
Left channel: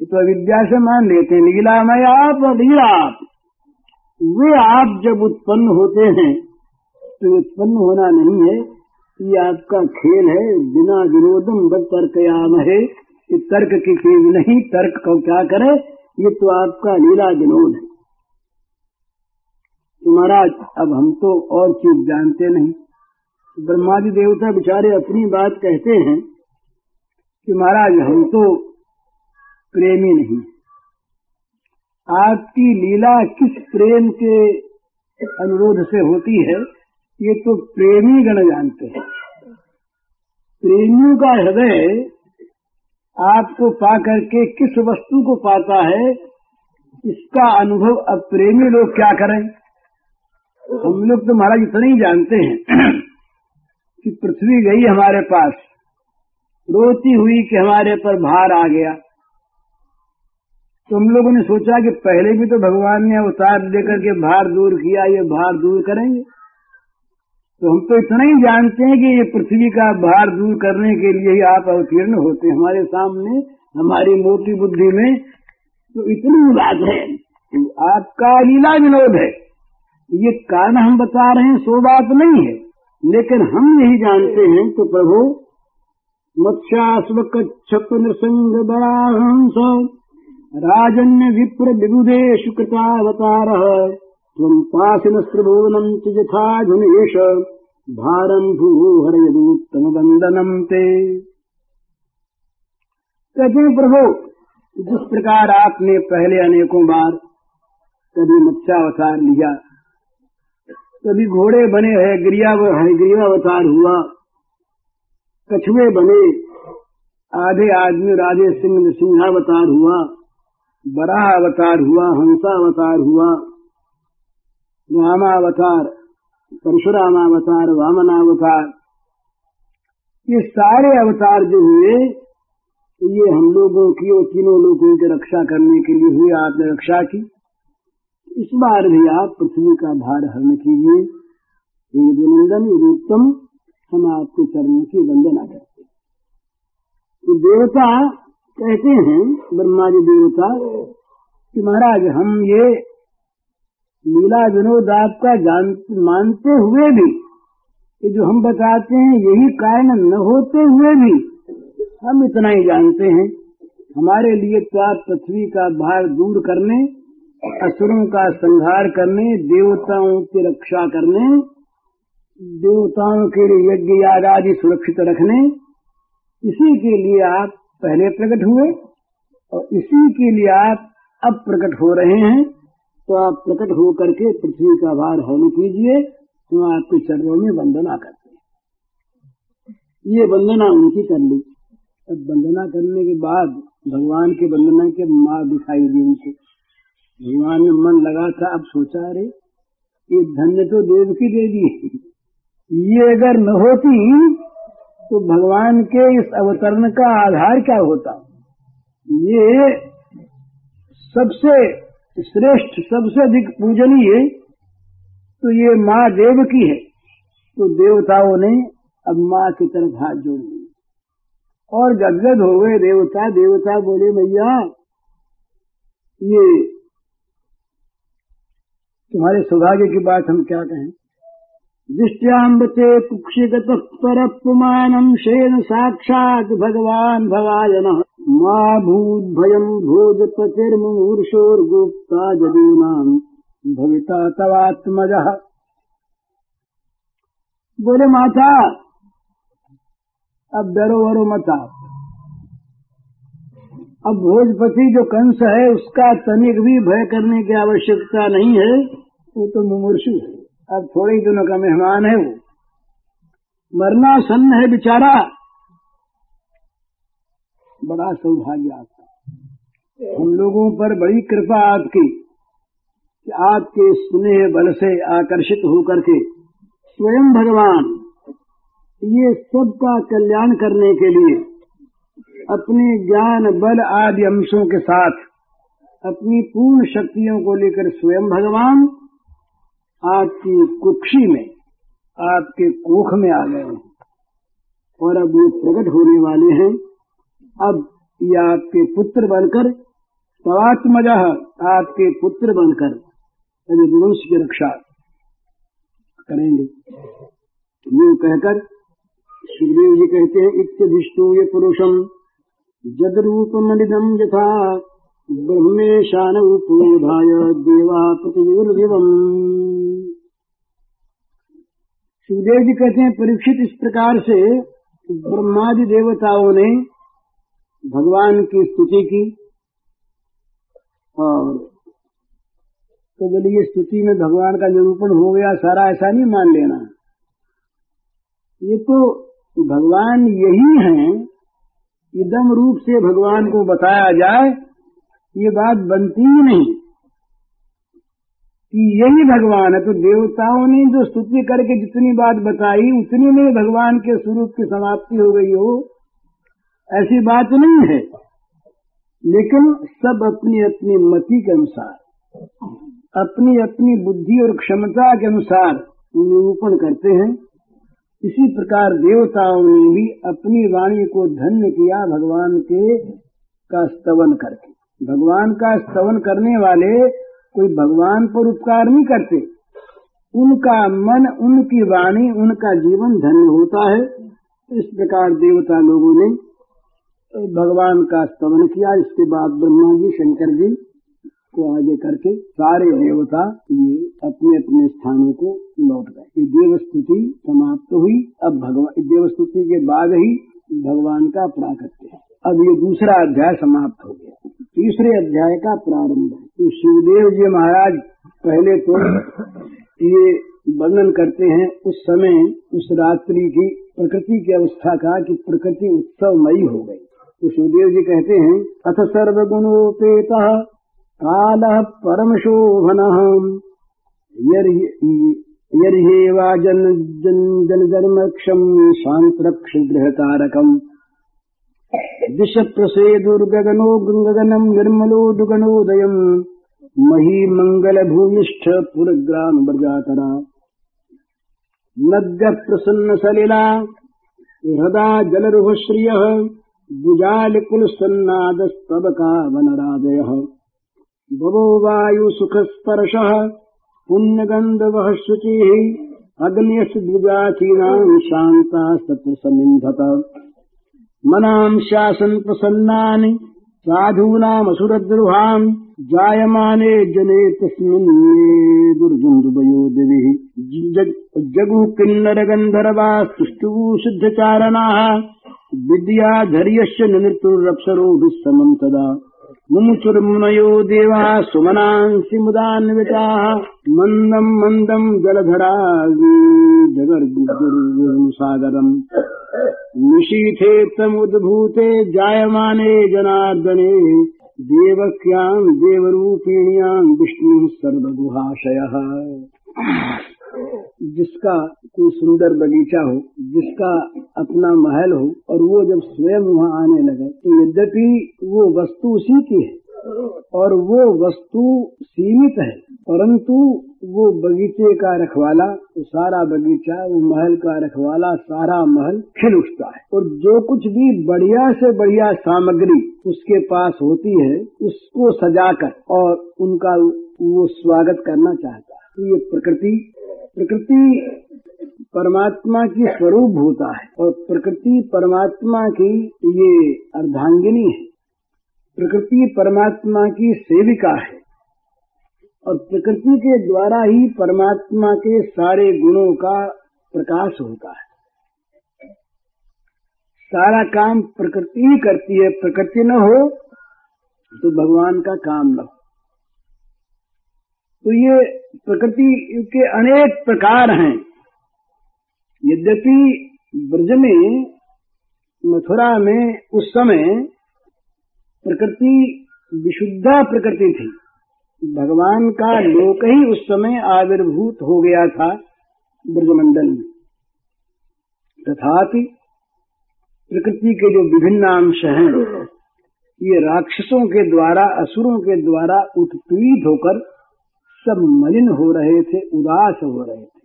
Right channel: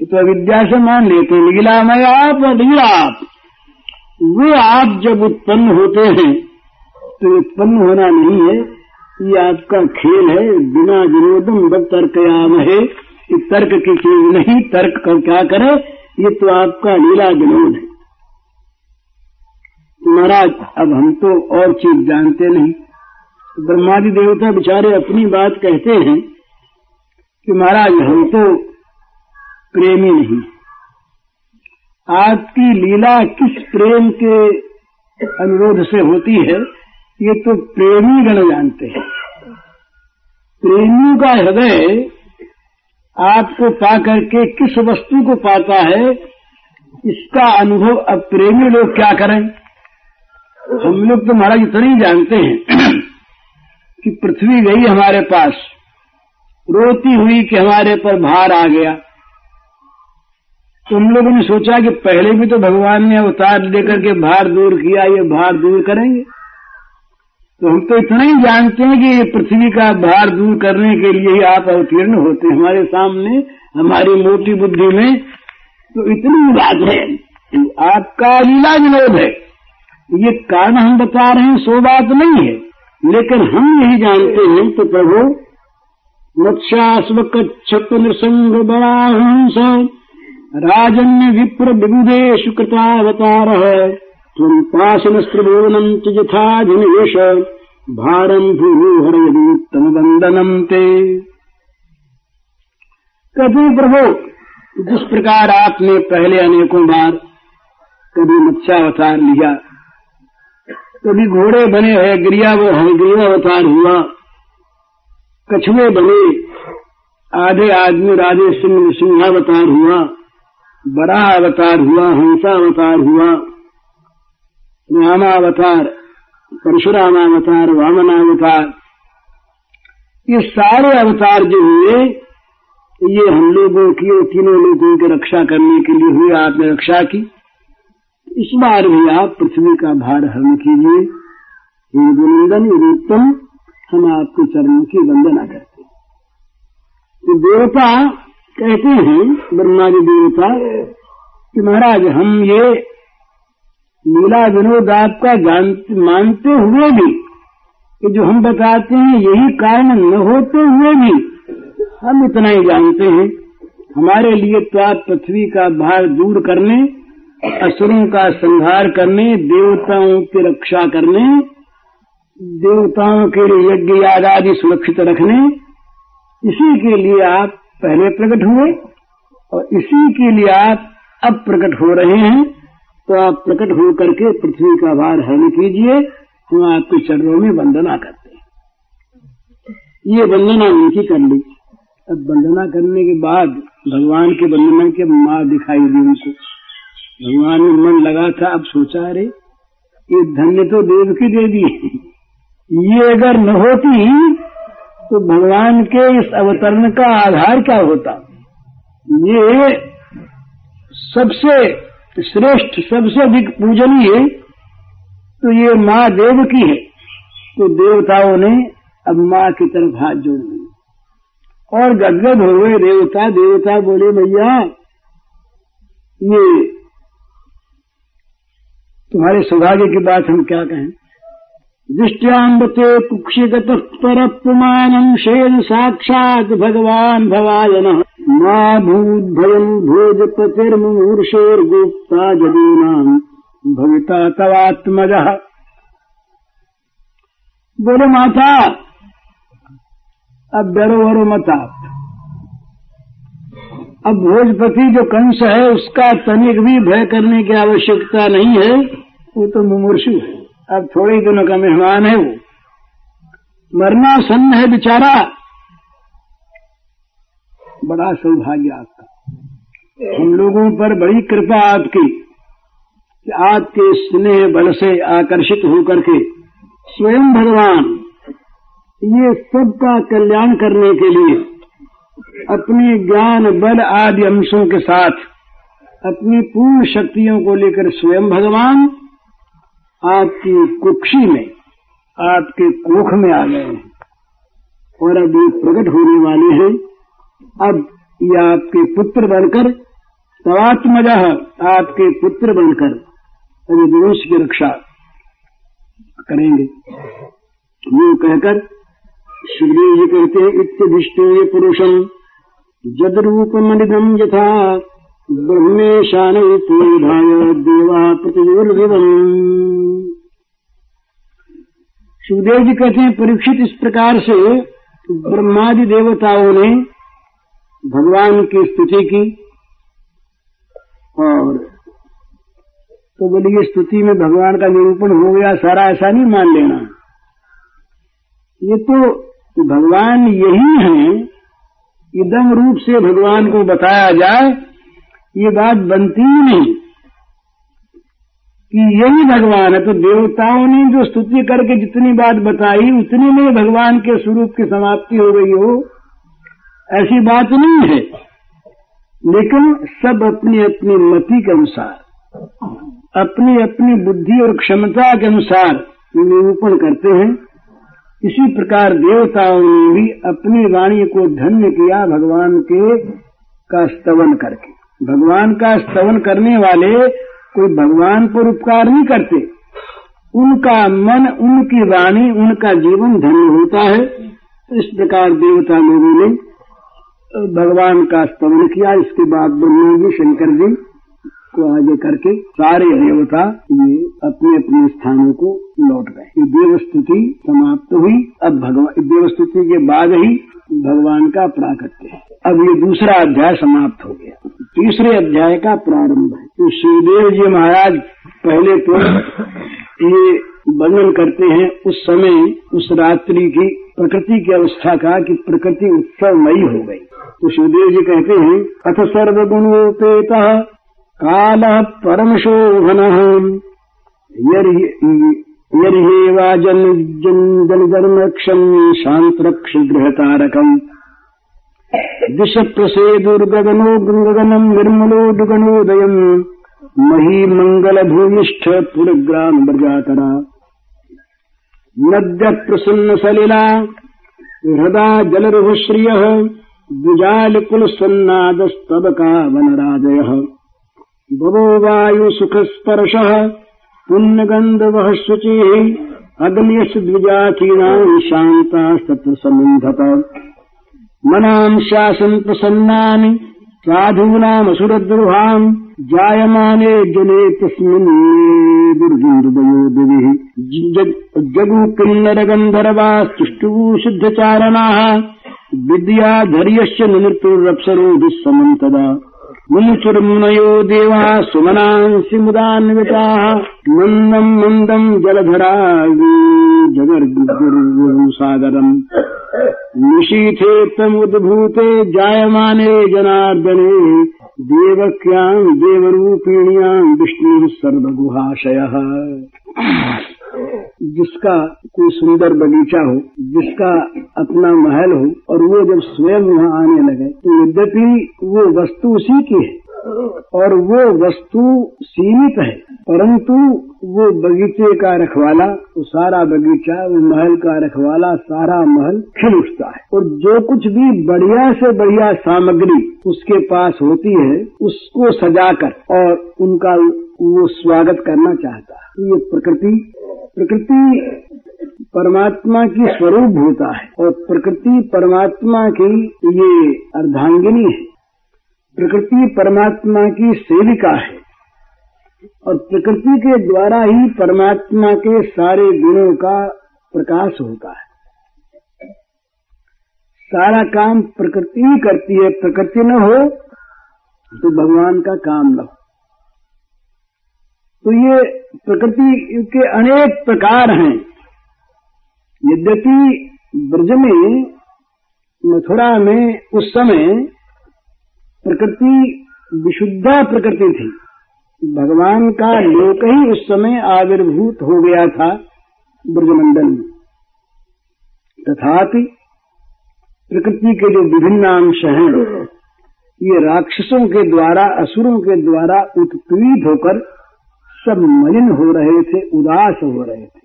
ये तो अविद्या से मान लेते हैं, लीलामय आप और लीला आप। वो आप जब उत्पन्न होते हैं तो उत्पन्न होना नहीं है, ये आपका खेल है। बिना विनोदम बद तर्कयाम है, ये तर्क की चीज नहीं, तर्क कर क्या करे, ये तो आपका लीला विनोद है। महाराज अब हम तो और चीज जानते नहीं। ब्रह्मादि देवता बेचारे अपनी बात कहते हैं कि महाराज हम तो प्रेमी नहीं। आपकी लीला किस प्रेम के अनुरोध से होती है, ये तो प्रेमी गण जानते हैं। प्रेमी का हृदय आपको पा करके किस वस्तु को पाता है, इसका अनुभव अब प्रेमी लोग क्या करें। हम लोग तो महाराज इतना ही जानते हैं कि पृथ्वी गई हमारे पास, रोती हुई कि हमारे पर भार आ गया। तो हम लोगों ने सोचा कि पहले भी तो भगवान ने अवतार लेकर के भार दूर किया, ये भार दूर करेंगे। तो हम तो इतना ही जानते हैं कि ये पृथ्वी का भार दूर करने के लिए ही आप अवतीर्ण होते हैं हमारे सामने, हमारी मोटी बुद्धि में। तो इतनी बात है, आपका लीला विनोद है। ये कारण हम बता रहे हैं, सो बात नहीं है, लेकिन हम यही जानते हैं। तो प्रभु मत्स्यास्व कच्छप नृसंग बराहंस राजन्य विप्र विबुधेषु कृतावतार त्वं पाशनस्त्रिभुवनं च यथाधिनिवेश भारं भूहर यदुत्तम वंदनम ते। कहते प्रभु जिस प्रकार आपने पहले अनेकों बार कभी मत्स्यावतार लिया, कभी घोड़े बने हैं, गिरियावतार हुआ, कछुए बने, आधे आदमी राधे सिंहावतार हुआ, बराह अवतार हुआ, हंसावतार हुआ, रामावतार, परशुरामावतार, वामनावतार, ये सारे अवतार जो हुए ये हम लोगों की और तीनों लोगों की रक्षा करने के लिए हुए। आपने रक्षा की। इस बार भी आप पृथ्वी का भार हरण कीजिए। हे गुणनंदन उत्तम, हम आपके चरणों की वंदना करते हैं। तो देवता कहते हैं, ब्रह्मादि देवता, कि महाराज हम ये लीला विनोद आपका मानते हुए भी, कि जो हम बताते हैं यही कारण न होते हुए भी हम इतना ही जानते हैं, हमारे लिए तो आप पृथ्वी का भार दूर करने, असुरों का संहार करने, देवताओं की रक्षा करने, देवताओं के लिए यज्ञ याग आदि सुरक्षित रखने, इसी के लिए आप पहले प्रकट हुए और इसी के लिए आप अब प्रकट हो रहे हैं। तो आप प्रकट हो करके पृथ्वी का भार हरण कीजिए। हम आपके चरणों में वंदना करते हैं। ये वंदना उनकी कर ली। अब वंदना करने के बाद भगवान के वंदना के माँ दिखाई दी उनको। भगवान में मन लगा था, अब सोचा अरे ये धन्य तो देवकी दे दी, ये अगर न होती तो भगवान के इस अवतरण का आधार क्या होता। ये सबसे श्रेष्ठ, सबसे अधिक पूजनीय तो ये माँ देवकी है। तो देवताओं ने अब माँ की तरफ हाथ जोड़ दिए और गदगद हो गए देवता। देवता बोले भैया ये तुम्हारे सौभाग्य की बात हम क्या कहें। दृष्ट्याम्बते कुक्षिगतः परपुमानं शेन साक्षात् भगवान् भवायनः मा भूद्भयम् भोजपतिर्मुमूर्षोर्गुप्ता जदीनाम् भविता तवात्मजः। बोलो माता अब डरो वरो मत आप। अब भोजपति जो कंस है उसका तनिक भी भय करने की आवश्यकता नहीं है, वो तो मुमूर्षु है, अब थोड़े दिनों का मेहमान है, वो मरना सन्न है बेचारा। बड़ा सौभाग्य आपका, हम लोगों पर बड़ी कृपा आपकी कि आपके स्नेह बल से आकर्षित होकर के स्वयं भगवान ये सबका कल्याण करने के लिए अपने ज्ञान बल आदि अंशों के साथ अपनी पूर्ण शक्तियों को लेकर स्वयं भगवान आपकी कुक्षी में, आपके कोख में आ गए हैं और अब ये प्रकट होने वाले हैं। अब ये आपके पुत्र बनकर तवात्मजः, आपके पुत्र बनकर अब वंश की रक्षा करेंगे। ये कहकर सुखदेव जी कहते हैं इत्यभिष्टे पुरुषम जदरूपमनिगम यथा ब्रह्मेशानूपूधाय देवा प्रतियोर्विवम्। सुखदेव जी कहते हैं परीक्षित इस प्रकार से ब्रह्मादि देवताओं ने भगवान की स्तुति की और तो बोलिए स्तुति में भगवान का निरूपण हो गया सारा, ऐसा नहीं मान लेना। ये तो भगवान यही हैं, इदम रूप से भगवान को बताया जाए ये बात बनती ही नहीं कि यही भगवान है। तो देवताओं ने जो स्तुति करके जितनी बात बताई उतने में भगवान के स्वरूप की समाप्ति हो गई हो, ऐसी बात नहीं है। लेकिन सब अपनी अपनी मति के अनुसार, अपनी अपनी बुद्धि और क्षमता के अनुसार निरूपण करते हैं। इसी प्रकार देवताओं ने भी अपनी वाणी को धन्य किया भगवान के का स्तवन करके। भगवान का स्तवन करने वाले कोई भगवान पर उपकार नहीं करते, उनका मन, उनकी वाणी, उनका जीवन धन्य होता है। इस प्रकार देवता लोगों ने भगवान का स्तवन किया। इसके बाद ब्रह्मा जी, शंकर जी को आगे करके सारे देवता ये अपने अपने स्थानों को लौट गए। ये देवस्तुति समाप्त हुई। अब भगवान देवस्तुति के बाद ही भगवान का प्राकट्य है। अब ये दूसरा अध्याय समाप्त हो गया, तीसरे अध्याय का प्रारंभ है। तो श्रीदेव जी महाराज पहले तो ये वर्णन करते हैं उस समय, उस रात्रि की प्रकृति की अवस्था का कि प्रकृति उत्सवमयी हो गई। तो श्रीदेव जी कहते हैं अथ सर्वगुणोपेतः कालः परम शोभनः यर्हेवा जलधर्मक्षम् शान्तरक्षगृहतारकम् दिश प्रसेदुर्गगनो गगनम् निर्मलोदुगणोदयम् महीमङ्गलभूयिष्ठ पुरग्राम ब्रजातरा नद्यः प्रसन्न सलिला हृदा जलरुहश्रियः द्विजालकुलसन्नादस्तबका वनराजयः भवो वायुसुखस्पर्शः पुण्यगन्धवः शुचिः अग्न्यस्य द्विजातीनां शान्तास्तत्र समिन्धत मनां शासन् प्रसन्नानि साधूनामसुरद्रुहान् जायमाने जले तस्मिन् दुर्गन्धवयो दिविः जगु किन्नरगन्धर्वास्तुष्टुः शुद्धचारणाः विद्याधर्यश्च निमृत्युरप्सरोभिः समं तदा मुमुचुर्मुनयो देवाः सुमनांसि मुदान्विताः मन्दं मन्दं जलधरा जगर्गुरुसागरम् निशीथे तमुद्भूते जायमाने जनार्दने देवक्यां देवरूपिण्यां विष्णुः सर्वगुहाशयः। जिसका कोई सुंदर बगीचा हो, जिसका अपना महल हो और वो जब स्वयं वहाँ आने लगे तो यद्यपि वो वस्तु उसी की है और वो वस्तु सीमित है, परंतु वो बगीचे का रखवाला, वो सारा बगीचा, वो महल का रखवाला, सारा महल खिल उठता है। और जो कुछ भी बढ़िया से बढ़िया सामग्री उसके पास होती है उसको सजाकर और उनका वो स्वागत करना चाहता है। ये प्रकृति परमात्मा की स्वरूप होता है और प्रकृति परमात्मा की ये अर्धांगिनी है। प्रकृति परमात्मा की सेविका है और प्रकृति के द्वारा ही परमात्मा के सारे गुणों का प्रकाश होता है। सारा काम प्रकृति ही करती है। प्रकृति न हो तो भगवान का काम न हो। तो ये प्रकृति के अनेक प्रकार हैं। यद्यपि ब्रज में, मथुरा में उस समय प्रकृति विशुद्धा प्रकृति थी। भगवान का लोक ही उस समय आविर्भूत हो गया था ब्रजमंडल में। तथापि प्रकृति के जो विभिन्न अंश हैं, ये राक्षसों के द्वारा, असुरों के द्वारा उत्पीड़ित होकर सब मलिन हो रहे थे, उदास हो रहे थे।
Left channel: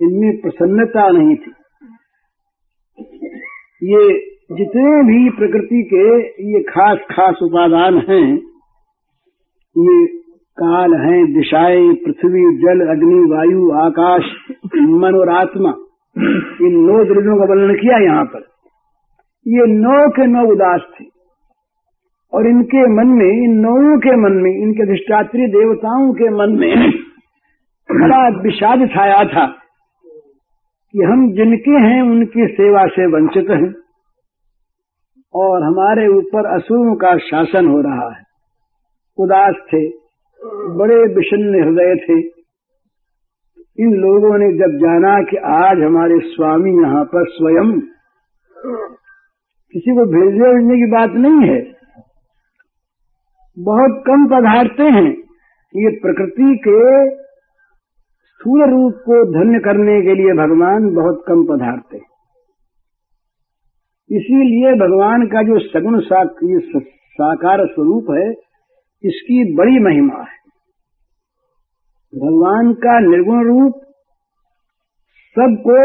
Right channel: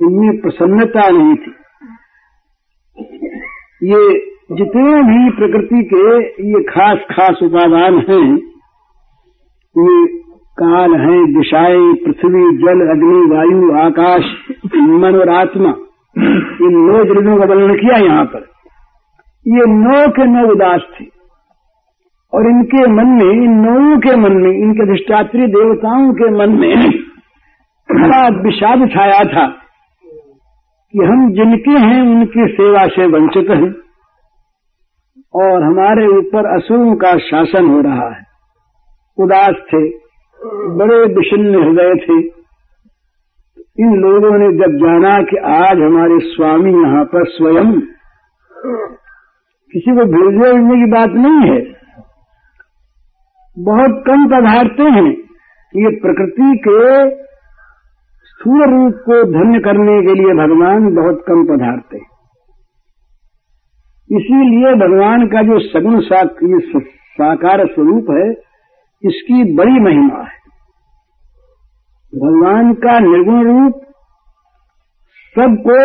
इनमें प्रसन्नता नहीं थी। ये जितने भी प्रकृति के ये खास खास उपादान हैं, ये काल हैं, दिशाएं, पृथ्वी, जल, अग्नि, वायु, आकाश, मन और आत्मा, इन 9 द्रव्यों का वर्णन किया यहाँ पर। ये 9 के 9 उदास थे और इनके मन में, इन 9 के मन में, इनके अधिष्ठात्री देवताओं के मन में बड़ा विषाद छाया था कि हम जिनके हैं उनकी सेवा से वंचित हैं और हमारे ऊपर असुरों का शासन हो रहा है। उदास थे, बड़े विषण्ण हृदय थे। इन लोगों ने जब जाना कि आज हमारे स्वामी यहाँ पर स्वयं, किसी को भेजने की बात नहीं है, बहुत कम पधारते हैं। ये प्रकृति के स्थूल रूप को धन्य करने के लिए भगवान बहुत कम पधारते हैं। इसीलिए भगवान का जो सगुण साकार स्वरूप है, इसकी बड़ी महिमा है। भगवान का निर्गुण रूप सबको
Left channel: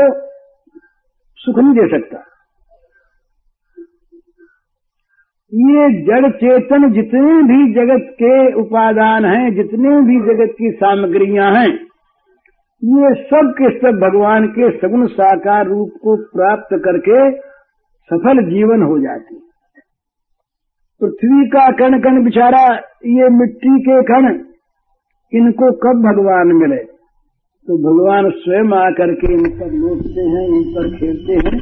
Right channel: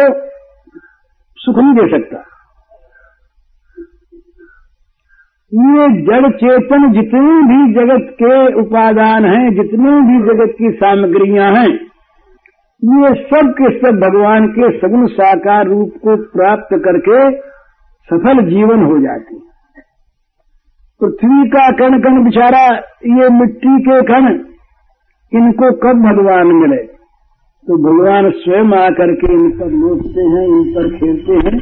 सुख नहीं दे सकता। ये जड़ चेतन जितने भी जगत के उपादान हैं, जितने भी जगत की सामग्रियां हैं, ये सब के सब भगवान के सगुण साकार रूप को प्राप्त करके सफल जीवन हो जाती। पृथ्वी का कण कण बिचारा, ये मिट्टी के कण, इनको कब भगवान मिले? तो भगवान स्वयं आकर के इन पर लोटते हैं, इन पर खेलते हैं।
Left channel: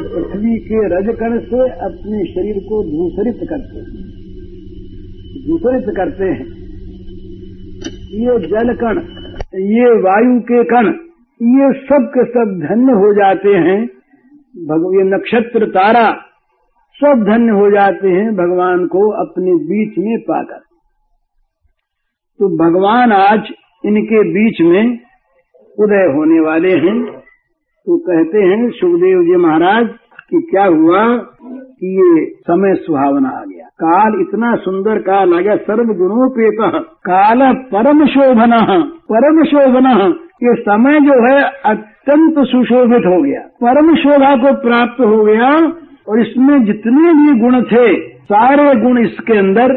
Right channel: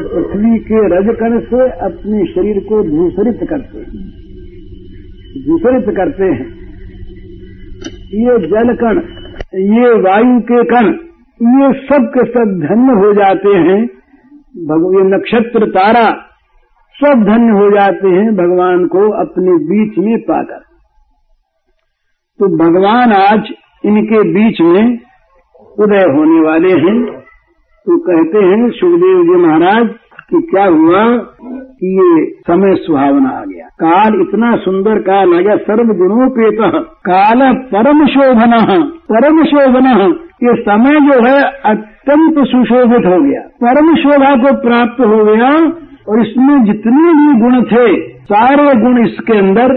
पृथ्वी के रजकण से अपने शरीर को धूसरित करते हैं। ये जल कण, ये वायु के कण, ये सब के सब धन्य हो जाते हैं। ये नक्षत्र तारा सब धन्य हो जाते हैं भगवान को अपने बीच में पाकर। तो भगवान आज इनके बीच में उदय होने वाले हैं। तो कहते हैं सुखदेव जी महाराज कि क्या हुआ कि ये समय सुहावना आ गया। काल इतना सुंदर काल आ गया, सर्वगुणोपेतः काल परम शोभनः। ये समय जो है अत्यंत सुशोभित हो गया, परम शोभा को प्राप्त हो गया। और इसमें जितने भी गुण थे, सारे गुण इसके अंदर,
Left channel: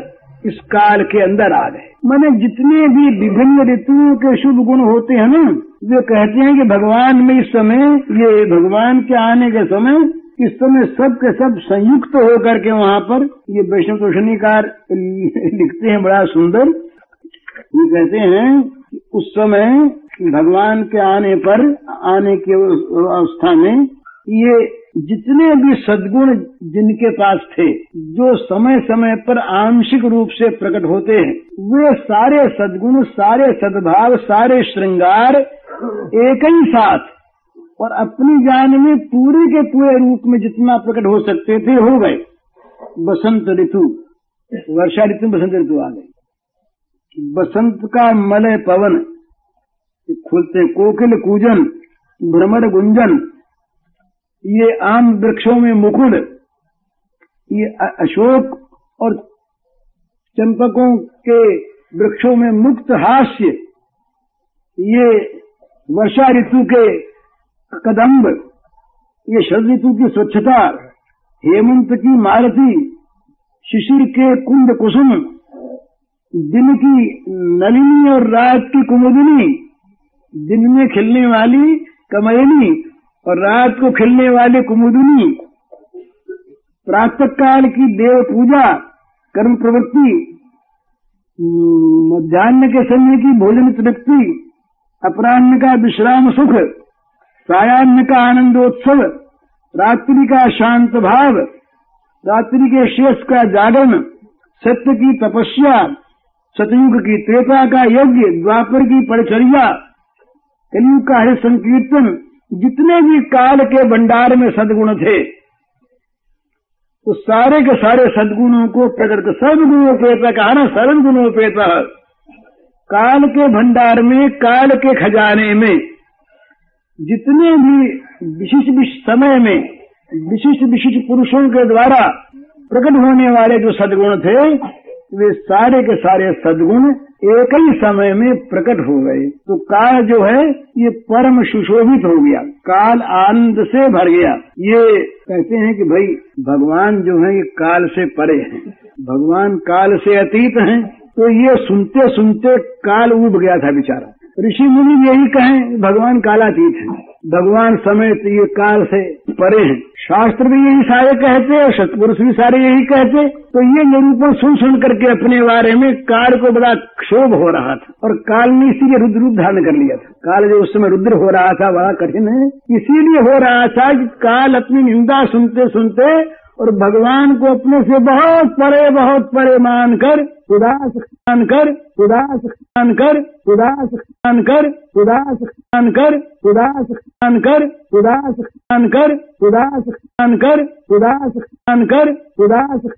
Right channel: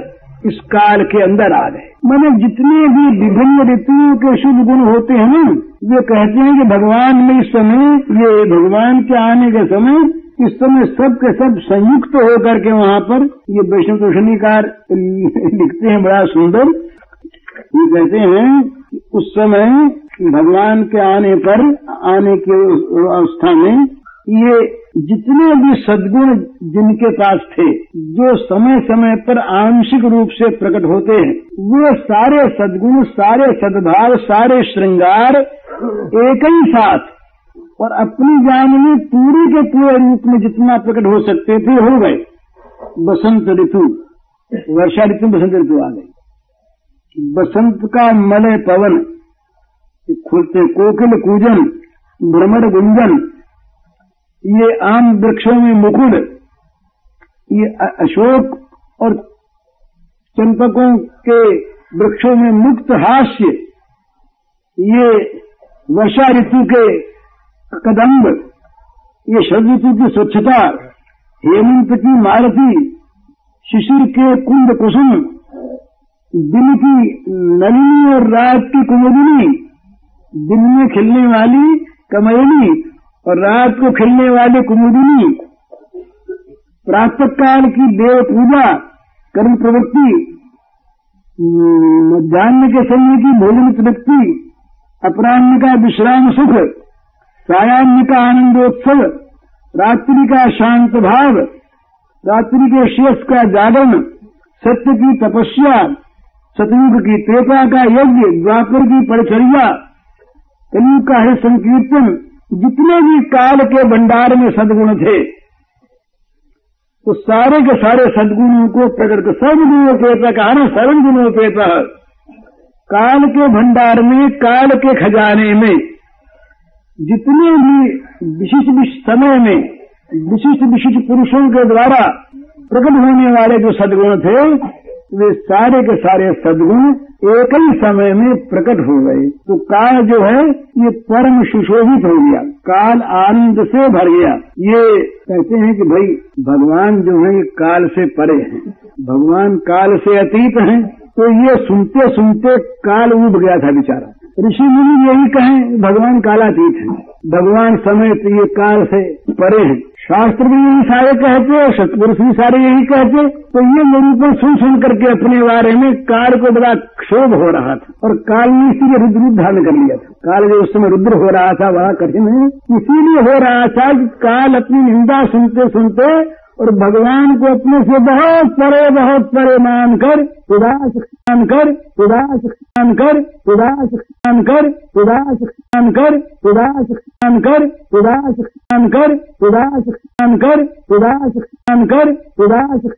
इस काल के अंदर आ गए। मैंने जितने भी विभिन्न ऋतुओं के शुभ गुण होते हैं ना, वे कहते हैं कि भगवान में इस समय, ये भगवान के आने के समय, इस समय सब के सब संयुक्त होकर के वहाँ पर ये वैष्णवकार लिखते हैं बड़ा सुंदर। ये कहते हैं कि उस समय भगवान के आने के अवस्था में ये जितने भी सद्गुण जिनके पास थे, जो समय समय पर आंशिक रूप से प्रकट होते हैं, वे सारे सद्गुण, सारे सद्भाव, सारे श्रृंगार एक ही साथ और अपनी जान में पूरे के पूरे रूप में जितना प्रकट हो सकते थे हो गए। बसंत ऋतु, वर्षा ऋतु, बसंत ऋतु आ गई। बसंत का मलय पवन, खुलते कोकिल कूजन, भ्रमर गुंजन, ये आम वृक्षों में मुकुल, ये अशोक और चंपकों के वृक्षों में मुक्त हास्य, ये वर्षा ऋतु के कदम्ब, ये शरद ऋतु की स्वच्छता, हेमंत की मालती, शिशिर के कुंद कुसुम, दिन की नलिनी और रात की कुमुदिनी, दिन में खिलने वाली कमलिनी और रात को खिलने वाली कुमुदिनी, प्रातः काल की देव पूजा कर्म प्रवृत्ति, मध्याह्न के समय की भोजन तृप्ति, अपराह्न का विश्राम सुख, सायाह्न का आनंदोत्सव, रात्रि का शांत भाव, रात्रि के शेष का जागरण, सत्य की तपस्या, सतयुग की त्रेता का यज्ञ, द्वापर की परिचर्या, कलयुग का हरि संकीर्तन, जितने भी काल के भंडार में सद्गुण थे तो सारे के सारे सद्गुणों को प्रकट कर सर्वगुणोपेता कहा ना, सर्वगुणोपेता। काल के भंडार में, काल के खजाने में जितने भी विशिष्ट समय में विशिष्ट पुरुषों के द्वारा प्रकट होने वाले जो सद्गुण थे वे सारे के सारे सद्गुण एक ही समय में प्रकट हो गए। तो काल जो है ये परम सुशोभित हो गया, काल आनंद से भर गया। ये कहते हैं कि भाई भगवान जो है ये काल से परे हैं, भगवान काल से अतीत हैं। तो ये सुनते सुनते काल उठ गया था बेचारा। ऋषि मुनि यही कहें भगवान कालातीत है, भगवान समय ये काल से परे हैं। शास्त्र भी यही सारे कहते और सत्पुरुष भी सारे यही कहते। तो ये निरूपण सुन सुन करके अपने बारे में काल को बड़ा क्षोभ हो रहा था और काल ने इसीलिए रुद्र रूप धारण कर लिया था। काल जो उस समय रुद्र हो रहा था बड़ा कठिन है, इसीलिए हो रहा था कि काल अपनी निंदा सुनते सुनते और भगवान को अपने से बहुत परे मानकर उदास मानकर उदास मानकर उदास मानकर उदास मानकर उदास मानकर उदास मानकर उदास मानकर उदास मानकर उदास